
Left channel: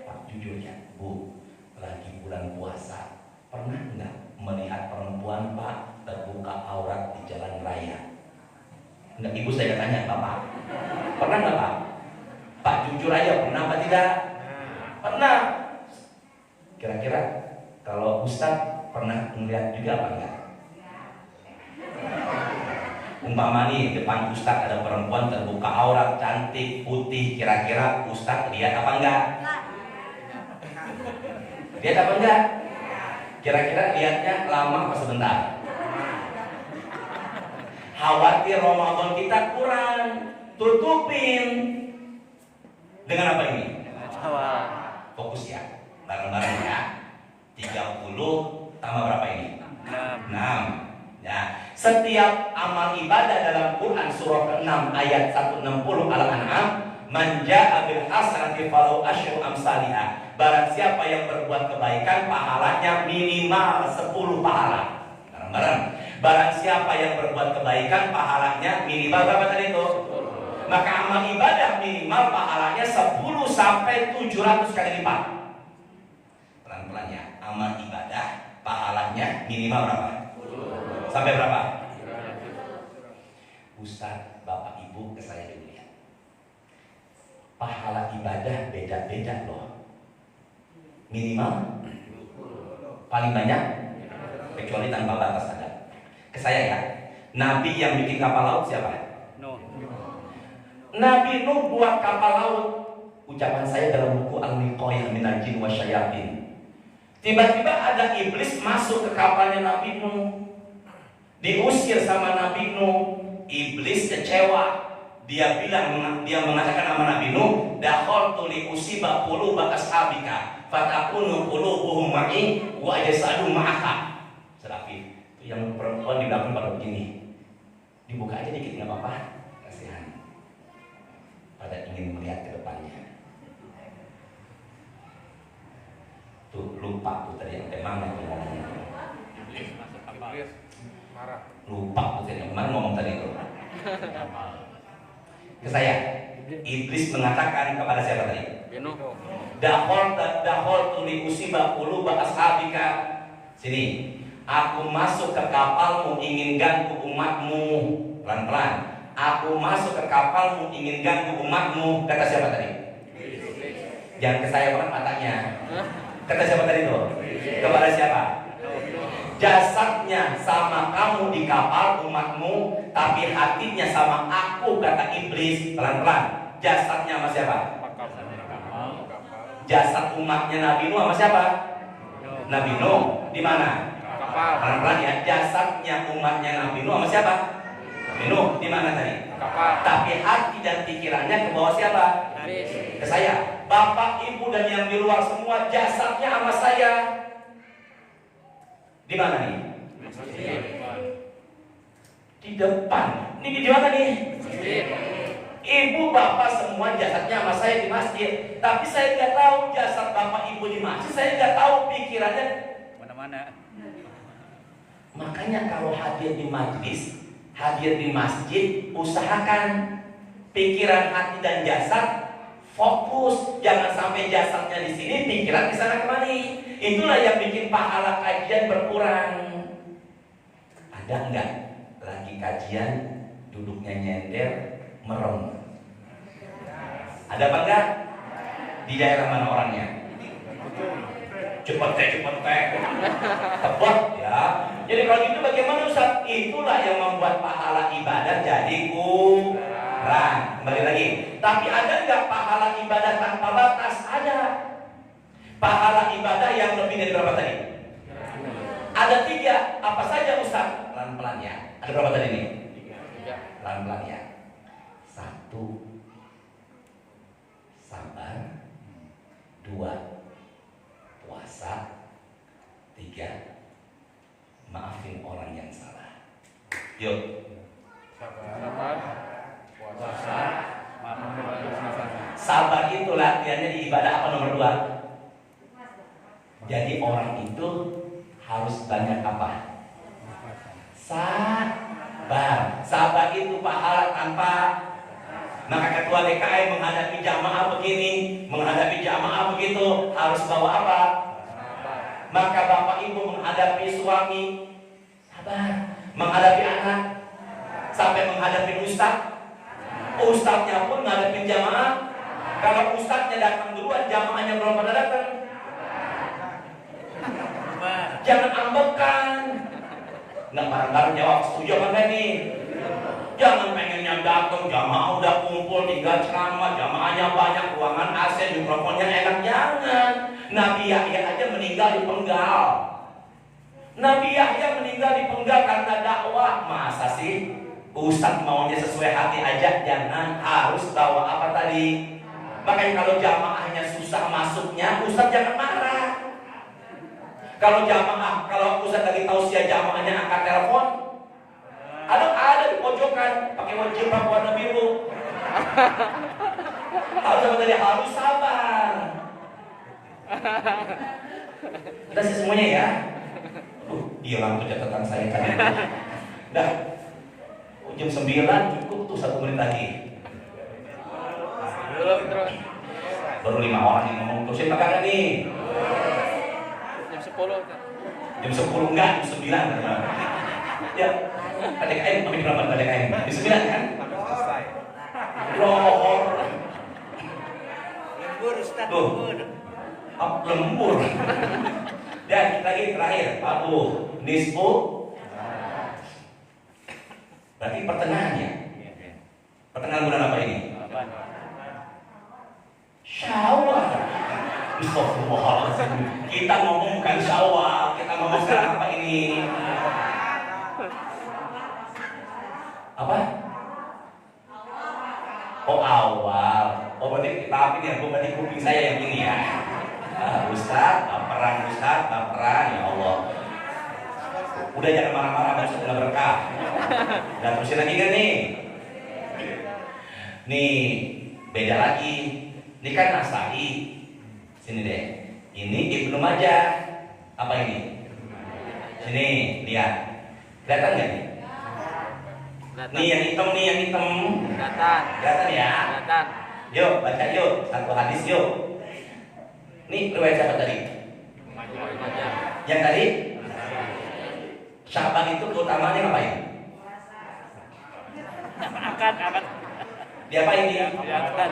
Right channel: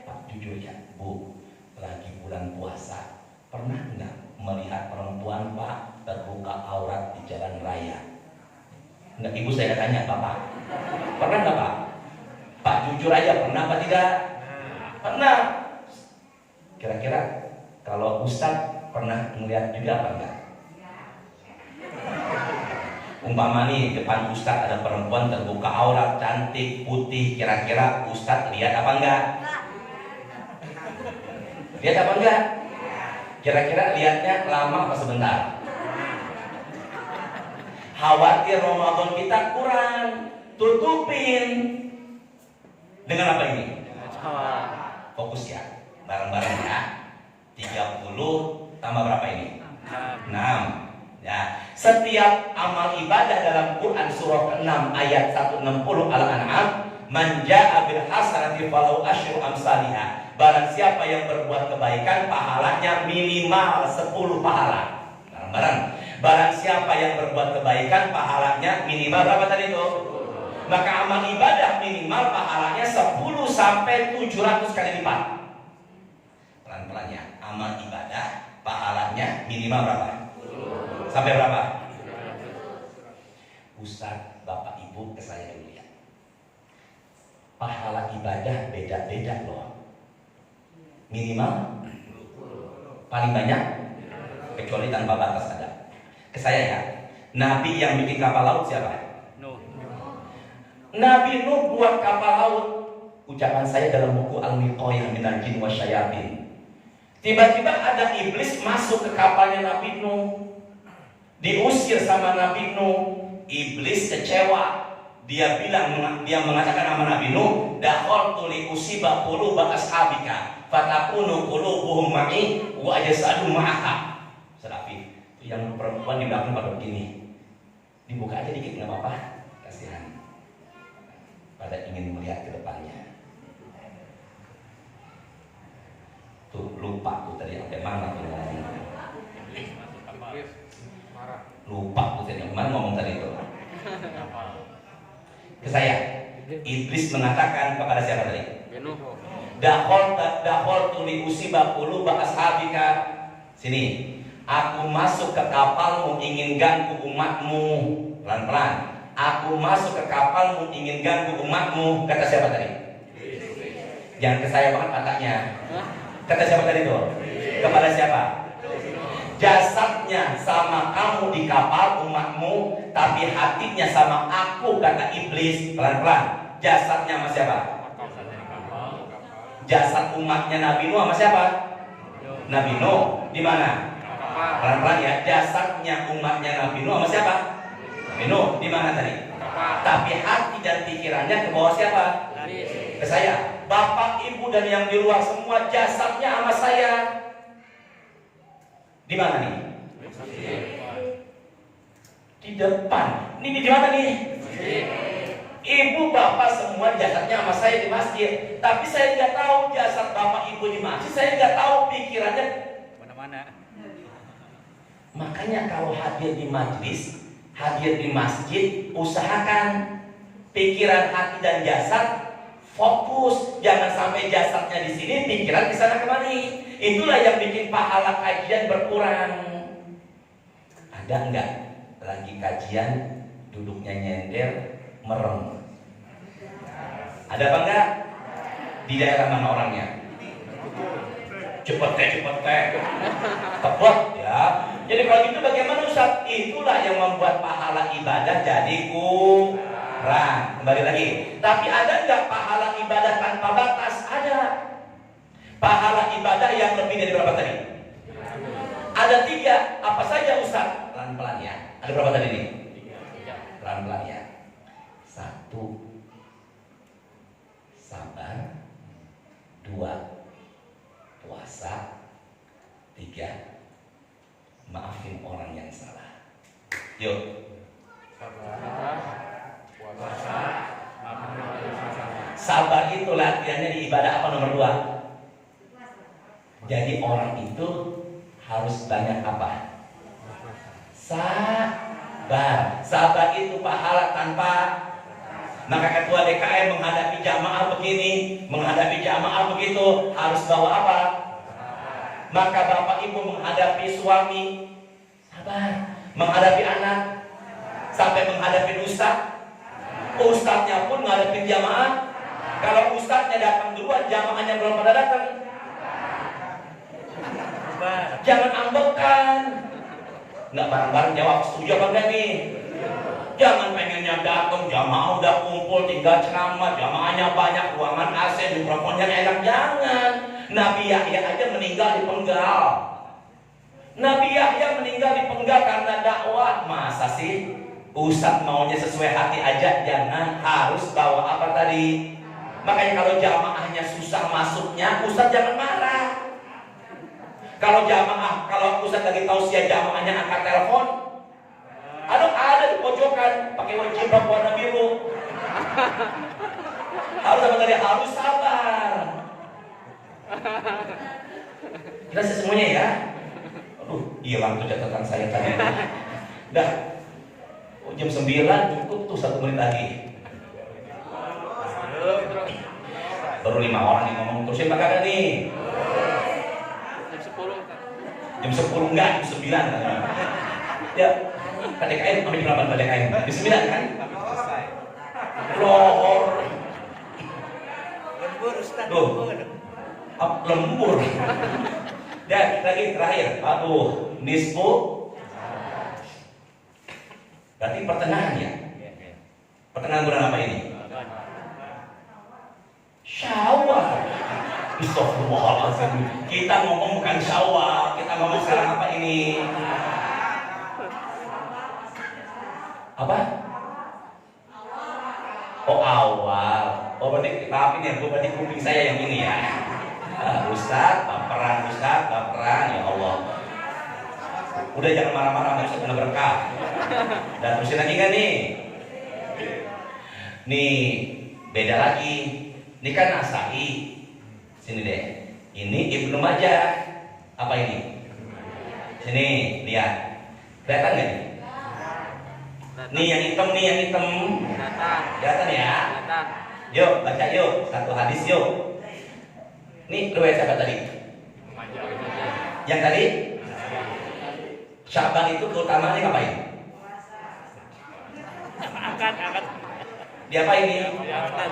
Pak, jujur ya, Bu, lagi bulan puasa, pernah nggak melihat perempuan Pak terbuka aurat di jalan raya? Nggak, Ibu saya tanya, Bapak, pernah nggak Pak? Pak jujur aja, pernah apa tidak? Pernah. Kira-kira kalau Ustadz pernah melihat juga apa enggak? Umpama nih depan Ustadz ada perempuan terbuka aurat, cantik, putih, kira-kira Ustadz lihat apa enggak? Lihat apa enggak? Kira-kira lihatnya lama apa sebentar? Khawatir Ramadan kita kurang, tutupin dengan apa ini? Fokus ya, bareng-bareng ya. 30 tambah berapa ini? 6. Ya, setiap amal ibadah dalam Quran surah ke-6 ayat 160 Al-An'am, man jaa'a bil hasanati falahu asyru amsalihha. Barang siapa yang berbuat kebaikan, pahalanya minimal 10 pahala. Bareng-bareng. Barang siapa yang berbuat kebaikan, pahalanya minimal berapa tadi itu? Maka amal ibadah minimal pahalanya 10 sampai 700 kali lipat. Pelan-pelan ya. Amal ibadah pahalanya minimal berapa? Sampai berapa? Ustaz, Bapak Ibu ke saya dulu ya. Pahala ibadah beda-beda loh. Minimal paling banyak, kecuali tanpa batas ada. Ke saya ya. Nabi yang bikin kapal laut siapa? Nabi Nuh buat kapal laut. Ucapan saya dalam buku Al-Miqoyah minal jin wa syayatin. Tiba-tiba ada iblis masuk ke kapalnya Nabi Nuh. Diusir sama Nabi Nuh. Iblis kecewa. Dia mengatakan sama Nabi Nuh, dakhaltu li usiba quluba ashabika fatakunu qulubuhum ma'i wa ajsadu ma'aka. Serafif. Itu yang perempuan di belakang pada begini. Dibuka aja dikit enggak apa-apa. Kasihan. Pada ingin melihat ke depannya. Tuh lupa tuh tadi sampai mana tuh ngomong. Lupa tuh tadi mana ngomong tadi itu. Ke saya. Iblis mengatakan kepada siapa tadi? Dakhaltu li usiba quluba ashabika. Sini. Aku masuk ke kapalmu ingin ganggu umatmu. Pelan-pelan. Aku masuk ke kapalmu ingin ganggu umatmu. Kata siapa tadi? Jangan ke saya banget katanya. Kata siapa tadi itu? Kepada siapa? Jasadnya sama kamu di kapal umatmu, tapi hatinya sama aku, kata iblis. Pelan-pelan. Jasadnya sama siapa? Jasad umatnya Nabi Nuh sama siapa? Nabi Nuh. Di mana? Pelan-pelan ya. Jasadnya umatnya Nabi Nuh sama siapa? Nabi Nuh. Di mana tadi? Tapi hati dan pikirannya ke bawah siapa? Ke saya. Bapak, Ibu dan yang di luar semua jasadnya sama saya. Di mana nih? Di depan. Ini di mana nih? Ibu, Bapak semua jasadnya sama saya di masjid. Tapi saya tidak tahu jasad Bapak, Ibu di masjid. Saya tidak tahu pikirannya mana-mana. Makanya kalau hadir di majlis, hadir di masjid, usahakan pikiran, hati dan jasad fokus. Jangan sampai jasadnya di sini, pikiran di sana kemari. Itulah yang bikin pahala kajian berkurang. Ada enggak lagi kajian duduknya nyender, merem? Ada apa enggak? Di daerah mana orangnya? Cepet tebet ya. Jadi kalau gitu bagaimana Ustaz? Itulah yang membuat pahala ibadah jadi kurang. Kembali lagi. Tapi ada enggak pahala ibadah tanpa batas? Ada. Pahala ibadah yang lebih dari berapa tadi? Ada 3. Apa saja Ustaz? Pelan-pelan ya. Ada berapa tadi nih? 3. Pelan-pelan ya. 1. Sabar. 2. Puasa. 3. Maafin orang yang salah. Yuk. Sabar itu latihannya di ibadah apa nomor 2? Jadi orang itu harus banyak apa? Sabar. Sabar itu pahala tanpa. Maka ketua DKM menghadapi jamaah begini, menghadapi jamaah begitu, harus bawa apa? Maka bapak ibu menghadapi suami, sabar. Menghadapi anak, sampai menghadapi ustadznya pun menghadapi jamaah. Kalau ustadznya datang duluan, jamaahnya belum pada datang, jangan ambekan. Nggak bareng-bareng jawab, setuju apa enggak nih? Jangan pengennya datang, jamaah udah kumpul 3 ceramah, jamaahnya banyak, ruangan AC, mikrofonnya enak, jangan. Nabi Yahya aja meninggal di penggal. Nabi Yahya meninggal di penggal karena dakwah. Masa sih ustadz maunya sesuai hati aja? Jangan, harus bawa apa tadi? Makanya kalau jamaahnya susah masuknya, ustadz jangan marah. Kalau ustadz lagi tausiah jamaahnya angkat telepon, ada di pojokan pakai wajibah warna biru. Harus sabar. Jelas semuanya ya. Hilang tuh catatan saya tadi. Udah jam 9 cukup tuh 1 menit lagi. Baru 5 orang yang ngomong terus ya kakak nih. Jam 10 enggak, jam 9 ya. PDKN, kami berapa PDKN? Jam 9 kan? Lembur. Tuh, lembur. Dan lagi terakhir, nisfu. Berarti pertengahannya. Pertengahan bulan apa ini? Syawal. Astagfirullahaladzim. Kita ngomong bukan Syawal, kita ngomong sekarang apa ini? Apa? Oh awal. Oh berarti berarti kuping saya yang ini ya. Ustaz, baperan ya Allah. Udah jangan marah-marah, nggak bisa kena berkah. Dan terusin lagi kan nih? Nih beda lagi. Ini kan Nasai. Sini deh. Ini Ibnu Majah. Apa ini? Sini lihat. Kelihatan nggak nih? Nih yang hitam. Kelihatan ya? Yuk baca yuk. Satu hadis yuk. Nih riwayat siapa tadi? Yang tadi? Sya'ban itu keutamaannya ngapain? Angkat. Dia apa ini? Angkat.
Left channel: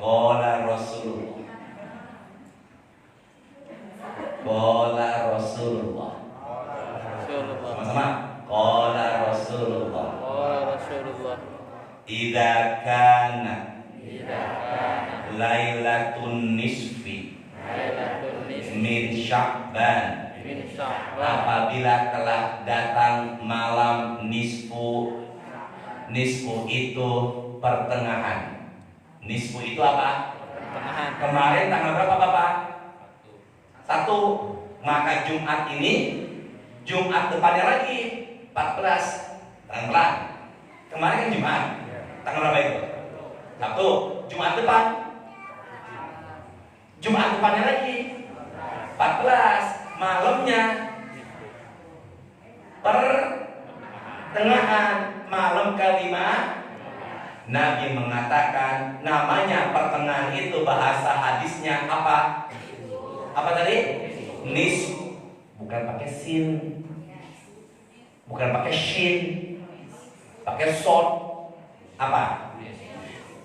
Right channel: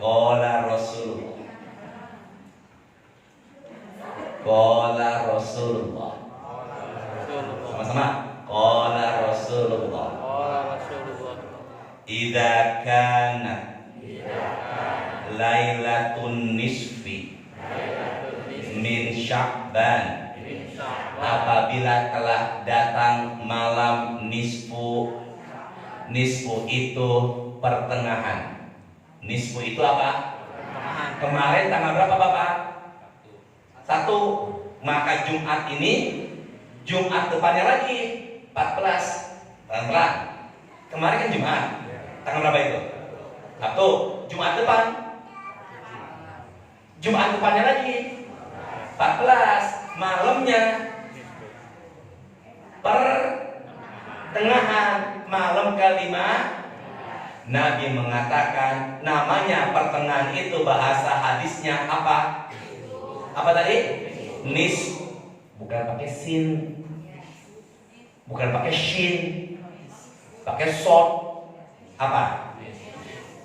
Qala Rasulullah. Sama-sama. Qala Rasulullah. Idza kana Lailatun nisfi min Sya'ban, apabila telah datang malam nisfu. Nisfu itu pertengahan. Nisfu itu apa? Kemarin tanggal berapa Bapak? 1. Maka Jumat ini, Jumat depannya lagi 14. Terang-terang. Kemarin kan Jumat. Tanggal berapa itu? 1. Jumat depan. Jumat depannya lagi 14. Malamnya pertengahan, malam kelima. Nabi mengatakan namanya pertengahan itu bahasa hadisnya apa? Apa tadi? Nis. Bukan pakai sin, bukan pakai shin, pakai sod. Apa?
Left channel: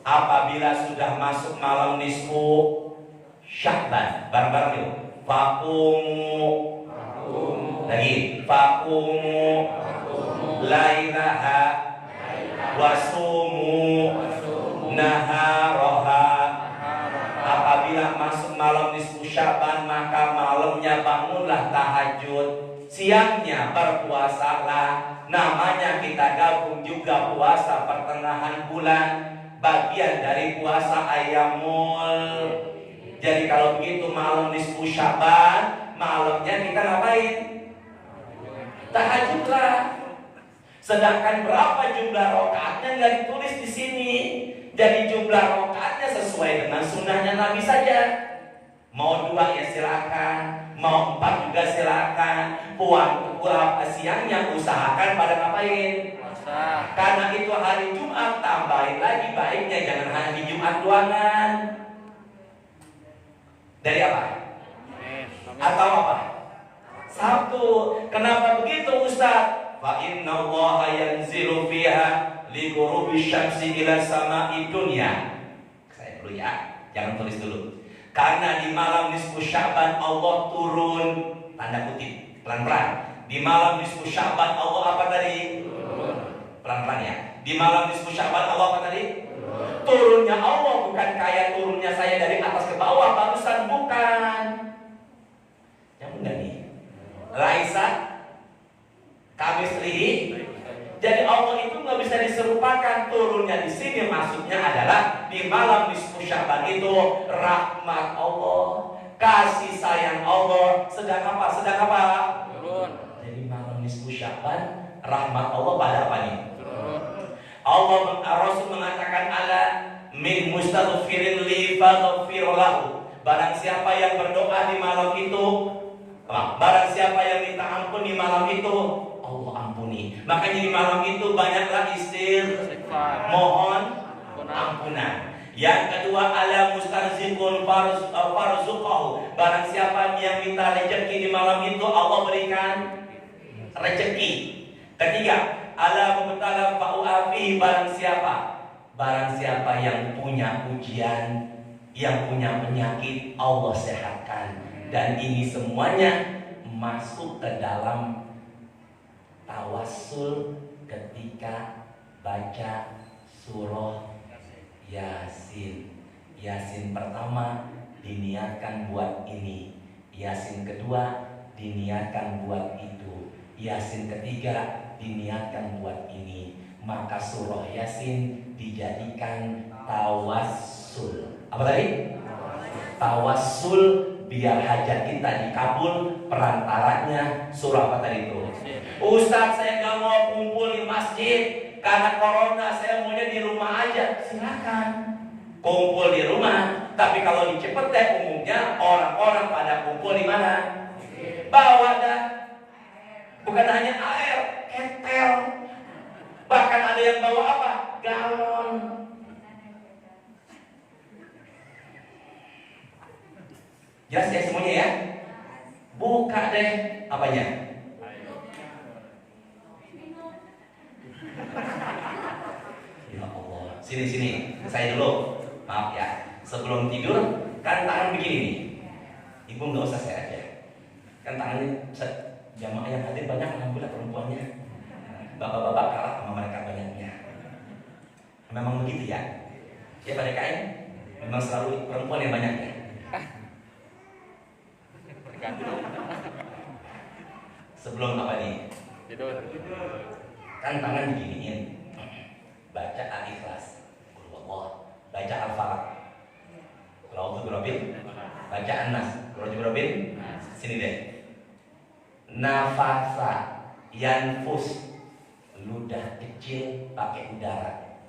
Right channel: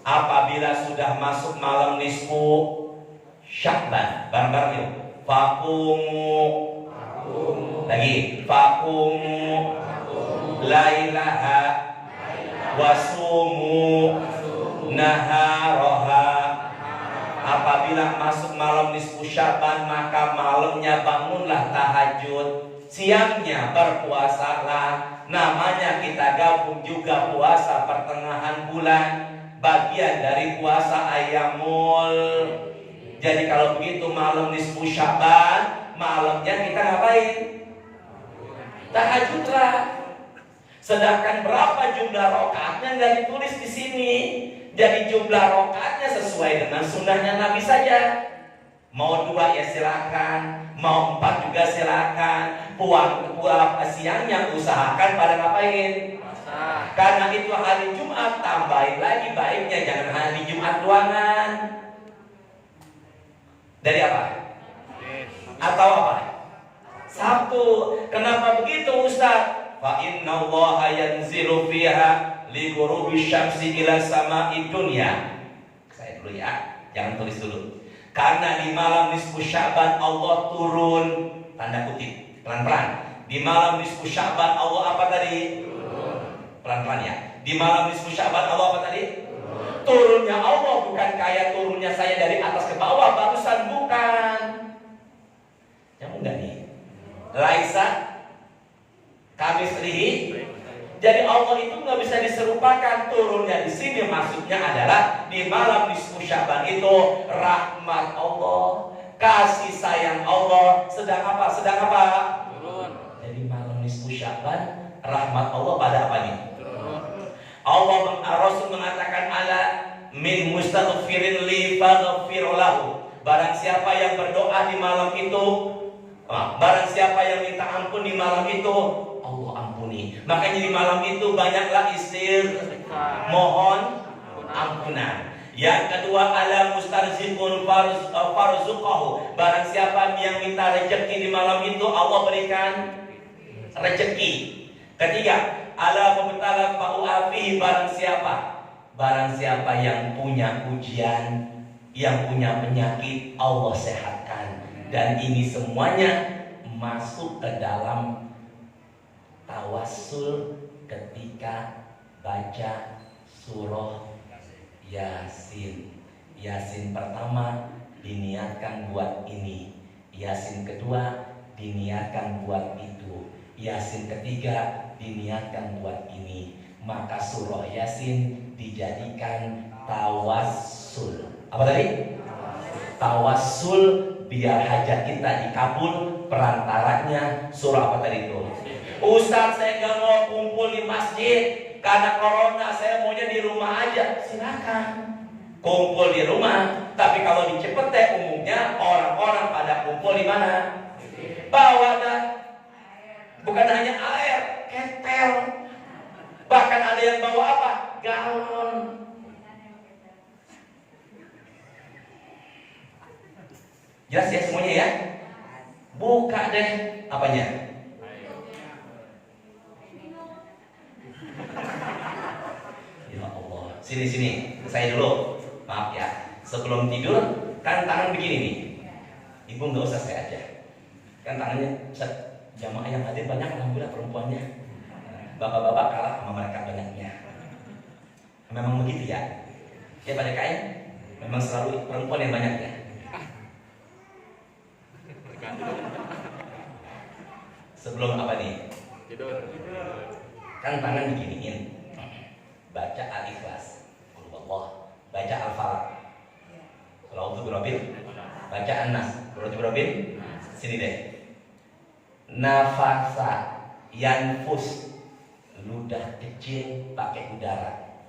Apabila sudah masuk malam nisfu Sya'ban, bareng-bareng yuk. Faqumu. Lagi. Faqumu lailaha wasumu naharaha. Apabila masuk malam nisfu Sya'ban, maka malamnya bangunlah tahajud, siangnya berpuasalah. Namanya kita gabung juga puasa pertengahan bulan, bagian dari puasa Ayyamul Jadi kalau begitu malam nisfu Sya'ban, malamnya kita ngapain? Tahajudlah. Sedangkan berapa jumlah rakaatnya nggak ditulis di sini. Jadi jumlah rakaatnya sesuai dengan sunnahnya Nabi saja. Mau 2 ya silakan, mau 4 juga silakan. Pulang siangnya usahakan pada ngapain? Karena itu hari Jumat, tambahin lagi baiknya jangan hari Jumat doangan. Dari apa? Atau apa? Sabtu. Kenapa begitu Ustaz? Fa inna Allaha yanzilu fiha li ghurubi syamsi ila sama'i dunya. Saya dulu ya, jangan tulis dulu. Karena di malam nisfu Sya'ban Allah turun, tanda kutip, pelan-pelan. Di malam nisfu Sya'ban Allah apa tadi? Pelan-pelan ya. Di malam nisfu Sya'ban Allah apa tadi? Turunnya Allah, bukan kayak turunnya saya dari atas ke bawah barusan, bukan. Yang enggak nih. Laisa kamislihi. Jadi Allah itu nggak bisa diserupakan. Turunnya di sini maksudnya adalah di malam nisfu Sya'ban itu rahmat Allah, kasih sayang Allah sedang apa? Sedang apa? Jadi malam nisfu Sya'ban rahmat Allah pada apa nih? Allah Rasul mengatakan ala min mustaghfirin li faghfir lahu. Barang siapa yang berdoa di malam itu, barang siapa yang minta ampun di malam itu, Allah ampuni. Makanya di malam itu banyaklah mohon ampunan. Yang kedua ala mustarziqun farzuqahu. Barang siapa yang minta rezeki di malam itu, Allah berikan rezeki. Ketiga, ala mubtala fa'u'afihi. Barang siapa yang punya ujian, yang punya penyakit, Allah sehatkan. Dan ini semuanya masuk ke dalam tawassul ketika baca surah Yasin. Yasin pertama diniatkan buat ini, Yasin kedua diniatkan buat itu, Yasin ketiga diniatkan buat ini. Maka surah Yasin dijadikan tawassul. Apa tadi? Tawassul, biar hajat kita dikabul. Perantaranya surah apa tadi itu? Ustaz, saya nggak mau kumpul di masjid karena corona, saya maunya di rumah aja. Silakan kumpul di rumah. Tapi kalau di Cipete umumnya orang-orang pada kumpul di mana? Bawa dah. Bukan hanya air, ketel. Bahkan ada yang bawa apa? Galon. Jelas ya semuanya ya? Buka deh apanya? Ya Allah. Sini, saya dulu. Maaf ya. Sebelum tidur, kan tangan begini nih. Ibu nggak usah saya aja. Kan tangannya jamaah yang hadir banyak, alhamdulillah perempuannya. Bapak-bapak kalah sama mereka banyaknya. Memang begitu ya. Ya pada kain, memang selalu perempuan yang banyaknya. Sebelum apa nih? Kan tangan diginiin. Baca Al-Ikhlas, Allah. Baca Al-Falaq, Qul Birabbil. Baca An-Nas, Qul Birabbil. Sini deh. Nafasa yanfus, ludah kecil pakai udara.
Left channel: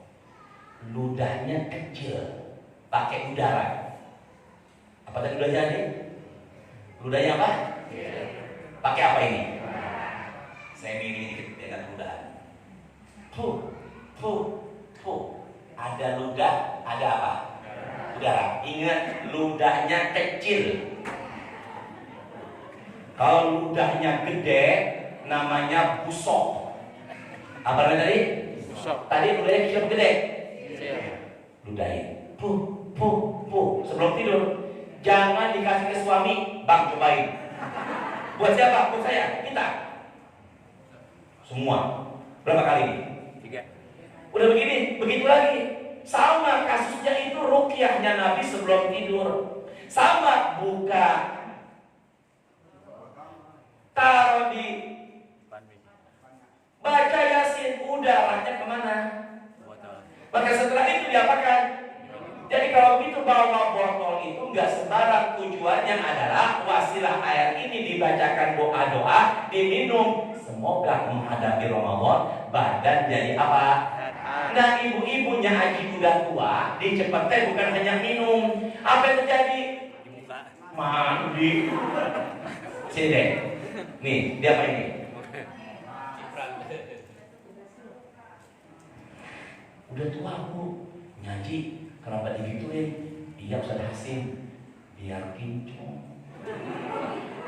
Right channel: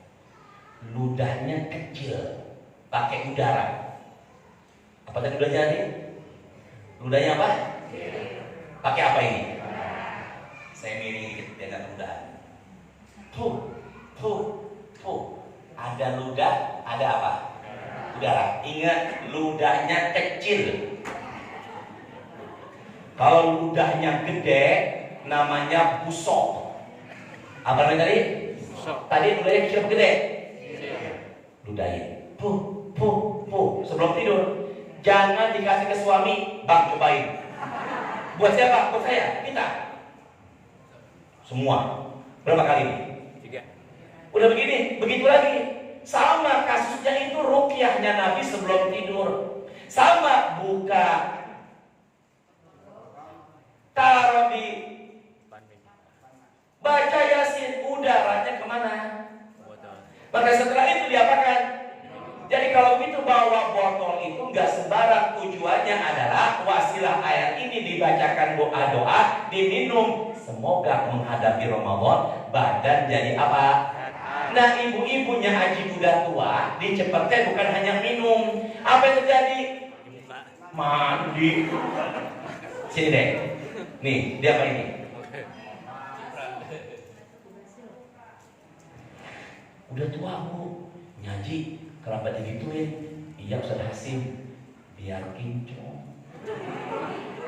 Ludahnya kecil pakai udara. Apa tadi udahnya nih? Ludahnya apa? Pakai apa ini? Saya miring dikit dengan ludah. Ada ludah, ada apa? Udara. Ingat, ludahnya kecil. Kalau ludahnya gede, namanya busok. Apa namanya tadi? Tadi ludahnya kecil gede. Ludahin. Sebelum tidur, jangan dikasih ke suami. Bang, cobain. Buat siapa? Buat saya. Kita. Semua. Berapa kali ini? 3. Udah begini, begitu lagi. Sama kasusnya itu ruqyahnya Nabi sebelum tidur. Sama, buka, taruh di, baca Yasin, udaranya kemana? Maka setelah itu diapakan? Jadi kalau gitu bawa botol itu juga sembarang. Tujuannya adalah wasilah ayat ini dibacakan doa-doa, diminum. Semoga menghadapi Ramadan badan jadi apa? Nah, ibu-ibunya haji udah tua, dicepetnya bukan hanya minum. Apa yang terjadi? Mandi. Sini deh. Nih, dia apa ini? Udah tua aku, nyaji, kenapa digituin? Iya Ustaz Hasim, biar kinclong.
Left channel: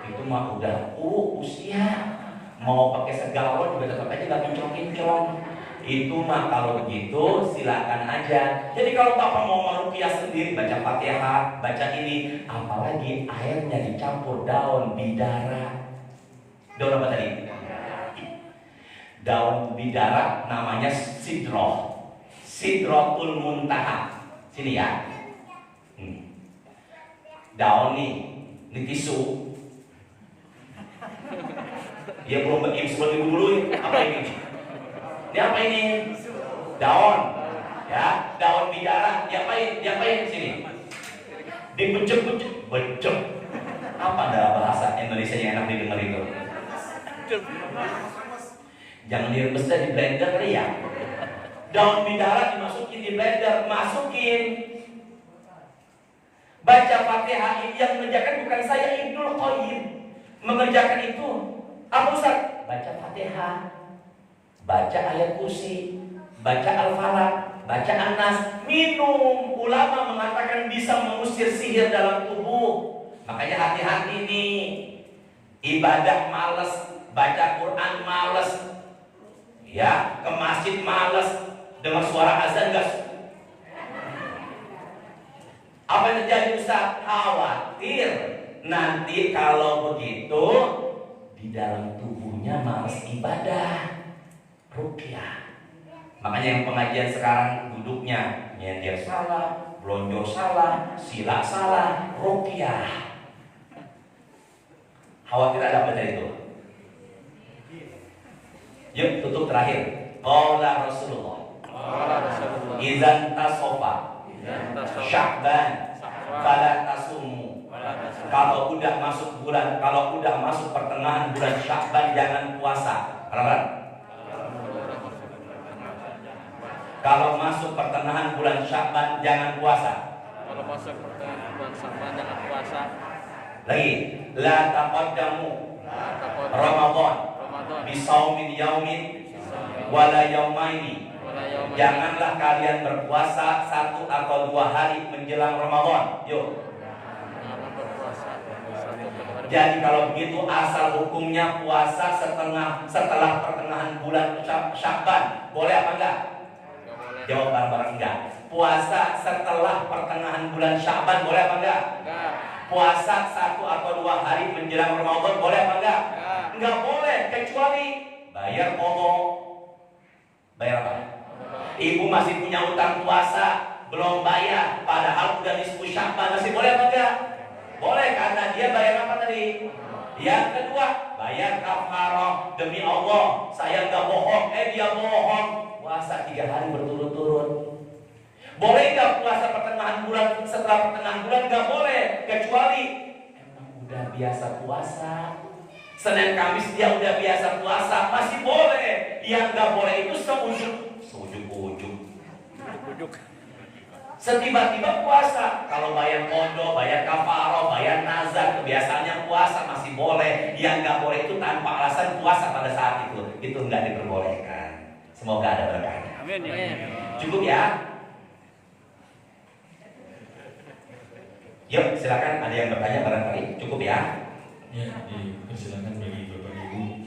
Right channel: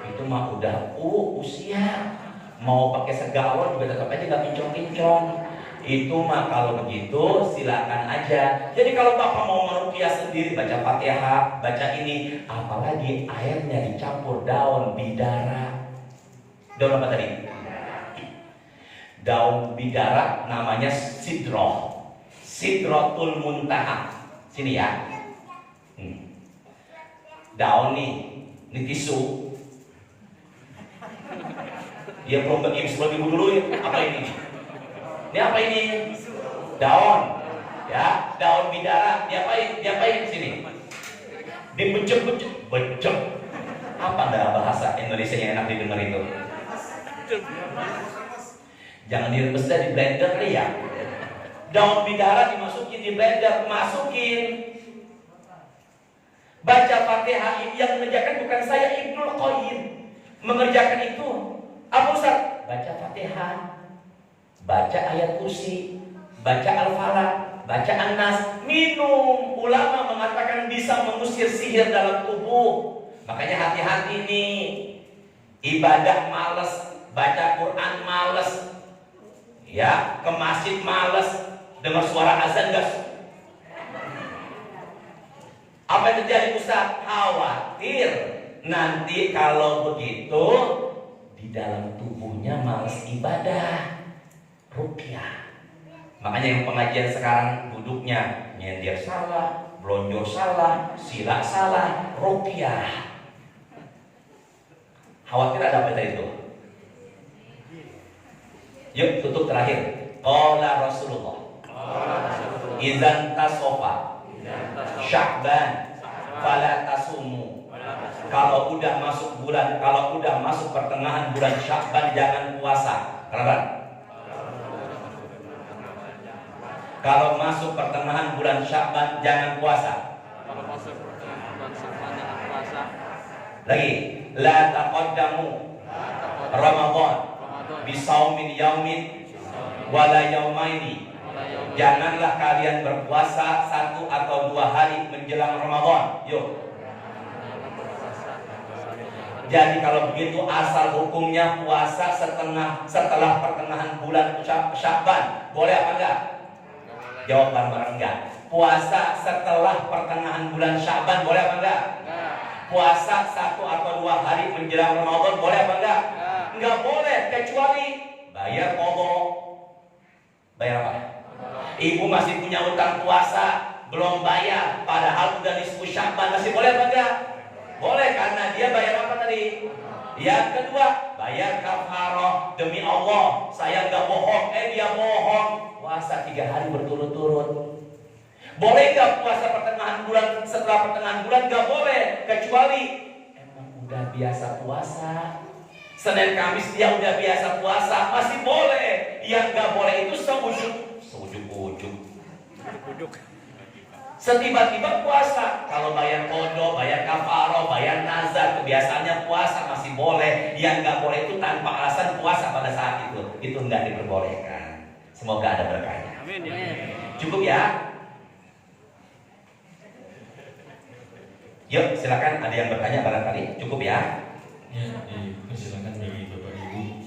Itu mah udah usia. Mau pakai segalon juga tetap aja gak kinclong-kinclong. Itu mah kalau begitu silakan aja. Jadi kalau Bapak mau meruqyah sendiri, baca Fatihah, baca ini, apalagi airnya dicampur daun bidara. Daun apa tadi? Daun bidara namanya sidroh. Sidrotul muntaha. Sini ya. Daun nih, ini tisu. Dia belum berimsal dulu ya. Apa ini? Ini apa ini? Daun. Ya, daun bidara. Diapain sini? Dibecek-becek. Becek. Apa dalam bahasa Indonesia yang enak didengar itu? Jangan direbus di blender ya. Daun bidara dimasukin di blender, masukin. Baca Fatihah. Yang mengerjakan bukan saya, Ibnul Qayyim mengerjakan itu. Apa Ustaz? Baca Fatihah, baca ayat kursi, baca Al-Falaq, baca An-Nas, minum. Ulama mengatakan bisa mengusir sihir dalam tubuh. Makanya hati-hati nih. Ibadah males, baca Quran males, ya, ke masjid males, dengar suara azan enggak. Apa yang terjadi Ustaz? Khawatir nanti kalau begitu di dalam tubuhnya malas ibadah. Ruqyah. Makanya yang pengajian sekarang duduknya nyender salah, blonjor salah, sila salah, ruqyah. Khawatir ada apa dari itu? Yuk tutup terakhir. Qala Rasulullah. Izan tasofa Sya'ban fala tasumu. Kalau udah masuk pertengahan bulan Sya'ban jangan puasa. Paham? Kalau masuk pertengahan bulan Sya'ban jangan puasa. Lagi, la taqaddamu Ramadan bisaumin yaumin wala yaumaini. Janganlah kalian berpuasa 1 atau 2 hari menjelang Ramadan. Yuk. Jadi kalau begitu asal hukumnya puasa setelah pertengahan bulan Sya'ban. Boleh apa enggak? Jawaban barang enggak. Puasa setelah pertengahan bulan Sya'ban boleh apa enggak? Puasa 1 atau 2 hari menjelang Ramadan boleh apa enggak? Enggak boleh, kecuali bayar qadha. Bayar apa? Ibu masih punya utang puasa, belum bayar, padahal udah nisfu Sya'ban, masih boleh apa enggak? Boleh, karena dia bayar apa tadi? Yang kedua, bayar kafarah. Demi Allah, saya enggak bohong. Dia bohong. Puasa 3 hari berturut-turut. Boleh enggak puasa pertengahan bulan? Setelah pertengahan bulan enggak boleh, kecuali emang udah biasa puasa. Senin Kamis dia udah biasa puasa, masih boleh. Yang enggak boleh itu ujuk-ujuk. Setiba-tiba puasa. Kalau bayar qadha, bayar kafarah, bayar nazar, kebiasaannya puasa masih boleh. Yang nggak boleh itu tanpa alasan puasa pada saat itu nggak diperbolehkan. Semoga ada berkahnya. Cukup ya. Yuk silakan, ada yang bertanya barangkali. Cukup ya. Ya, silakan bagi Bapak Ibu.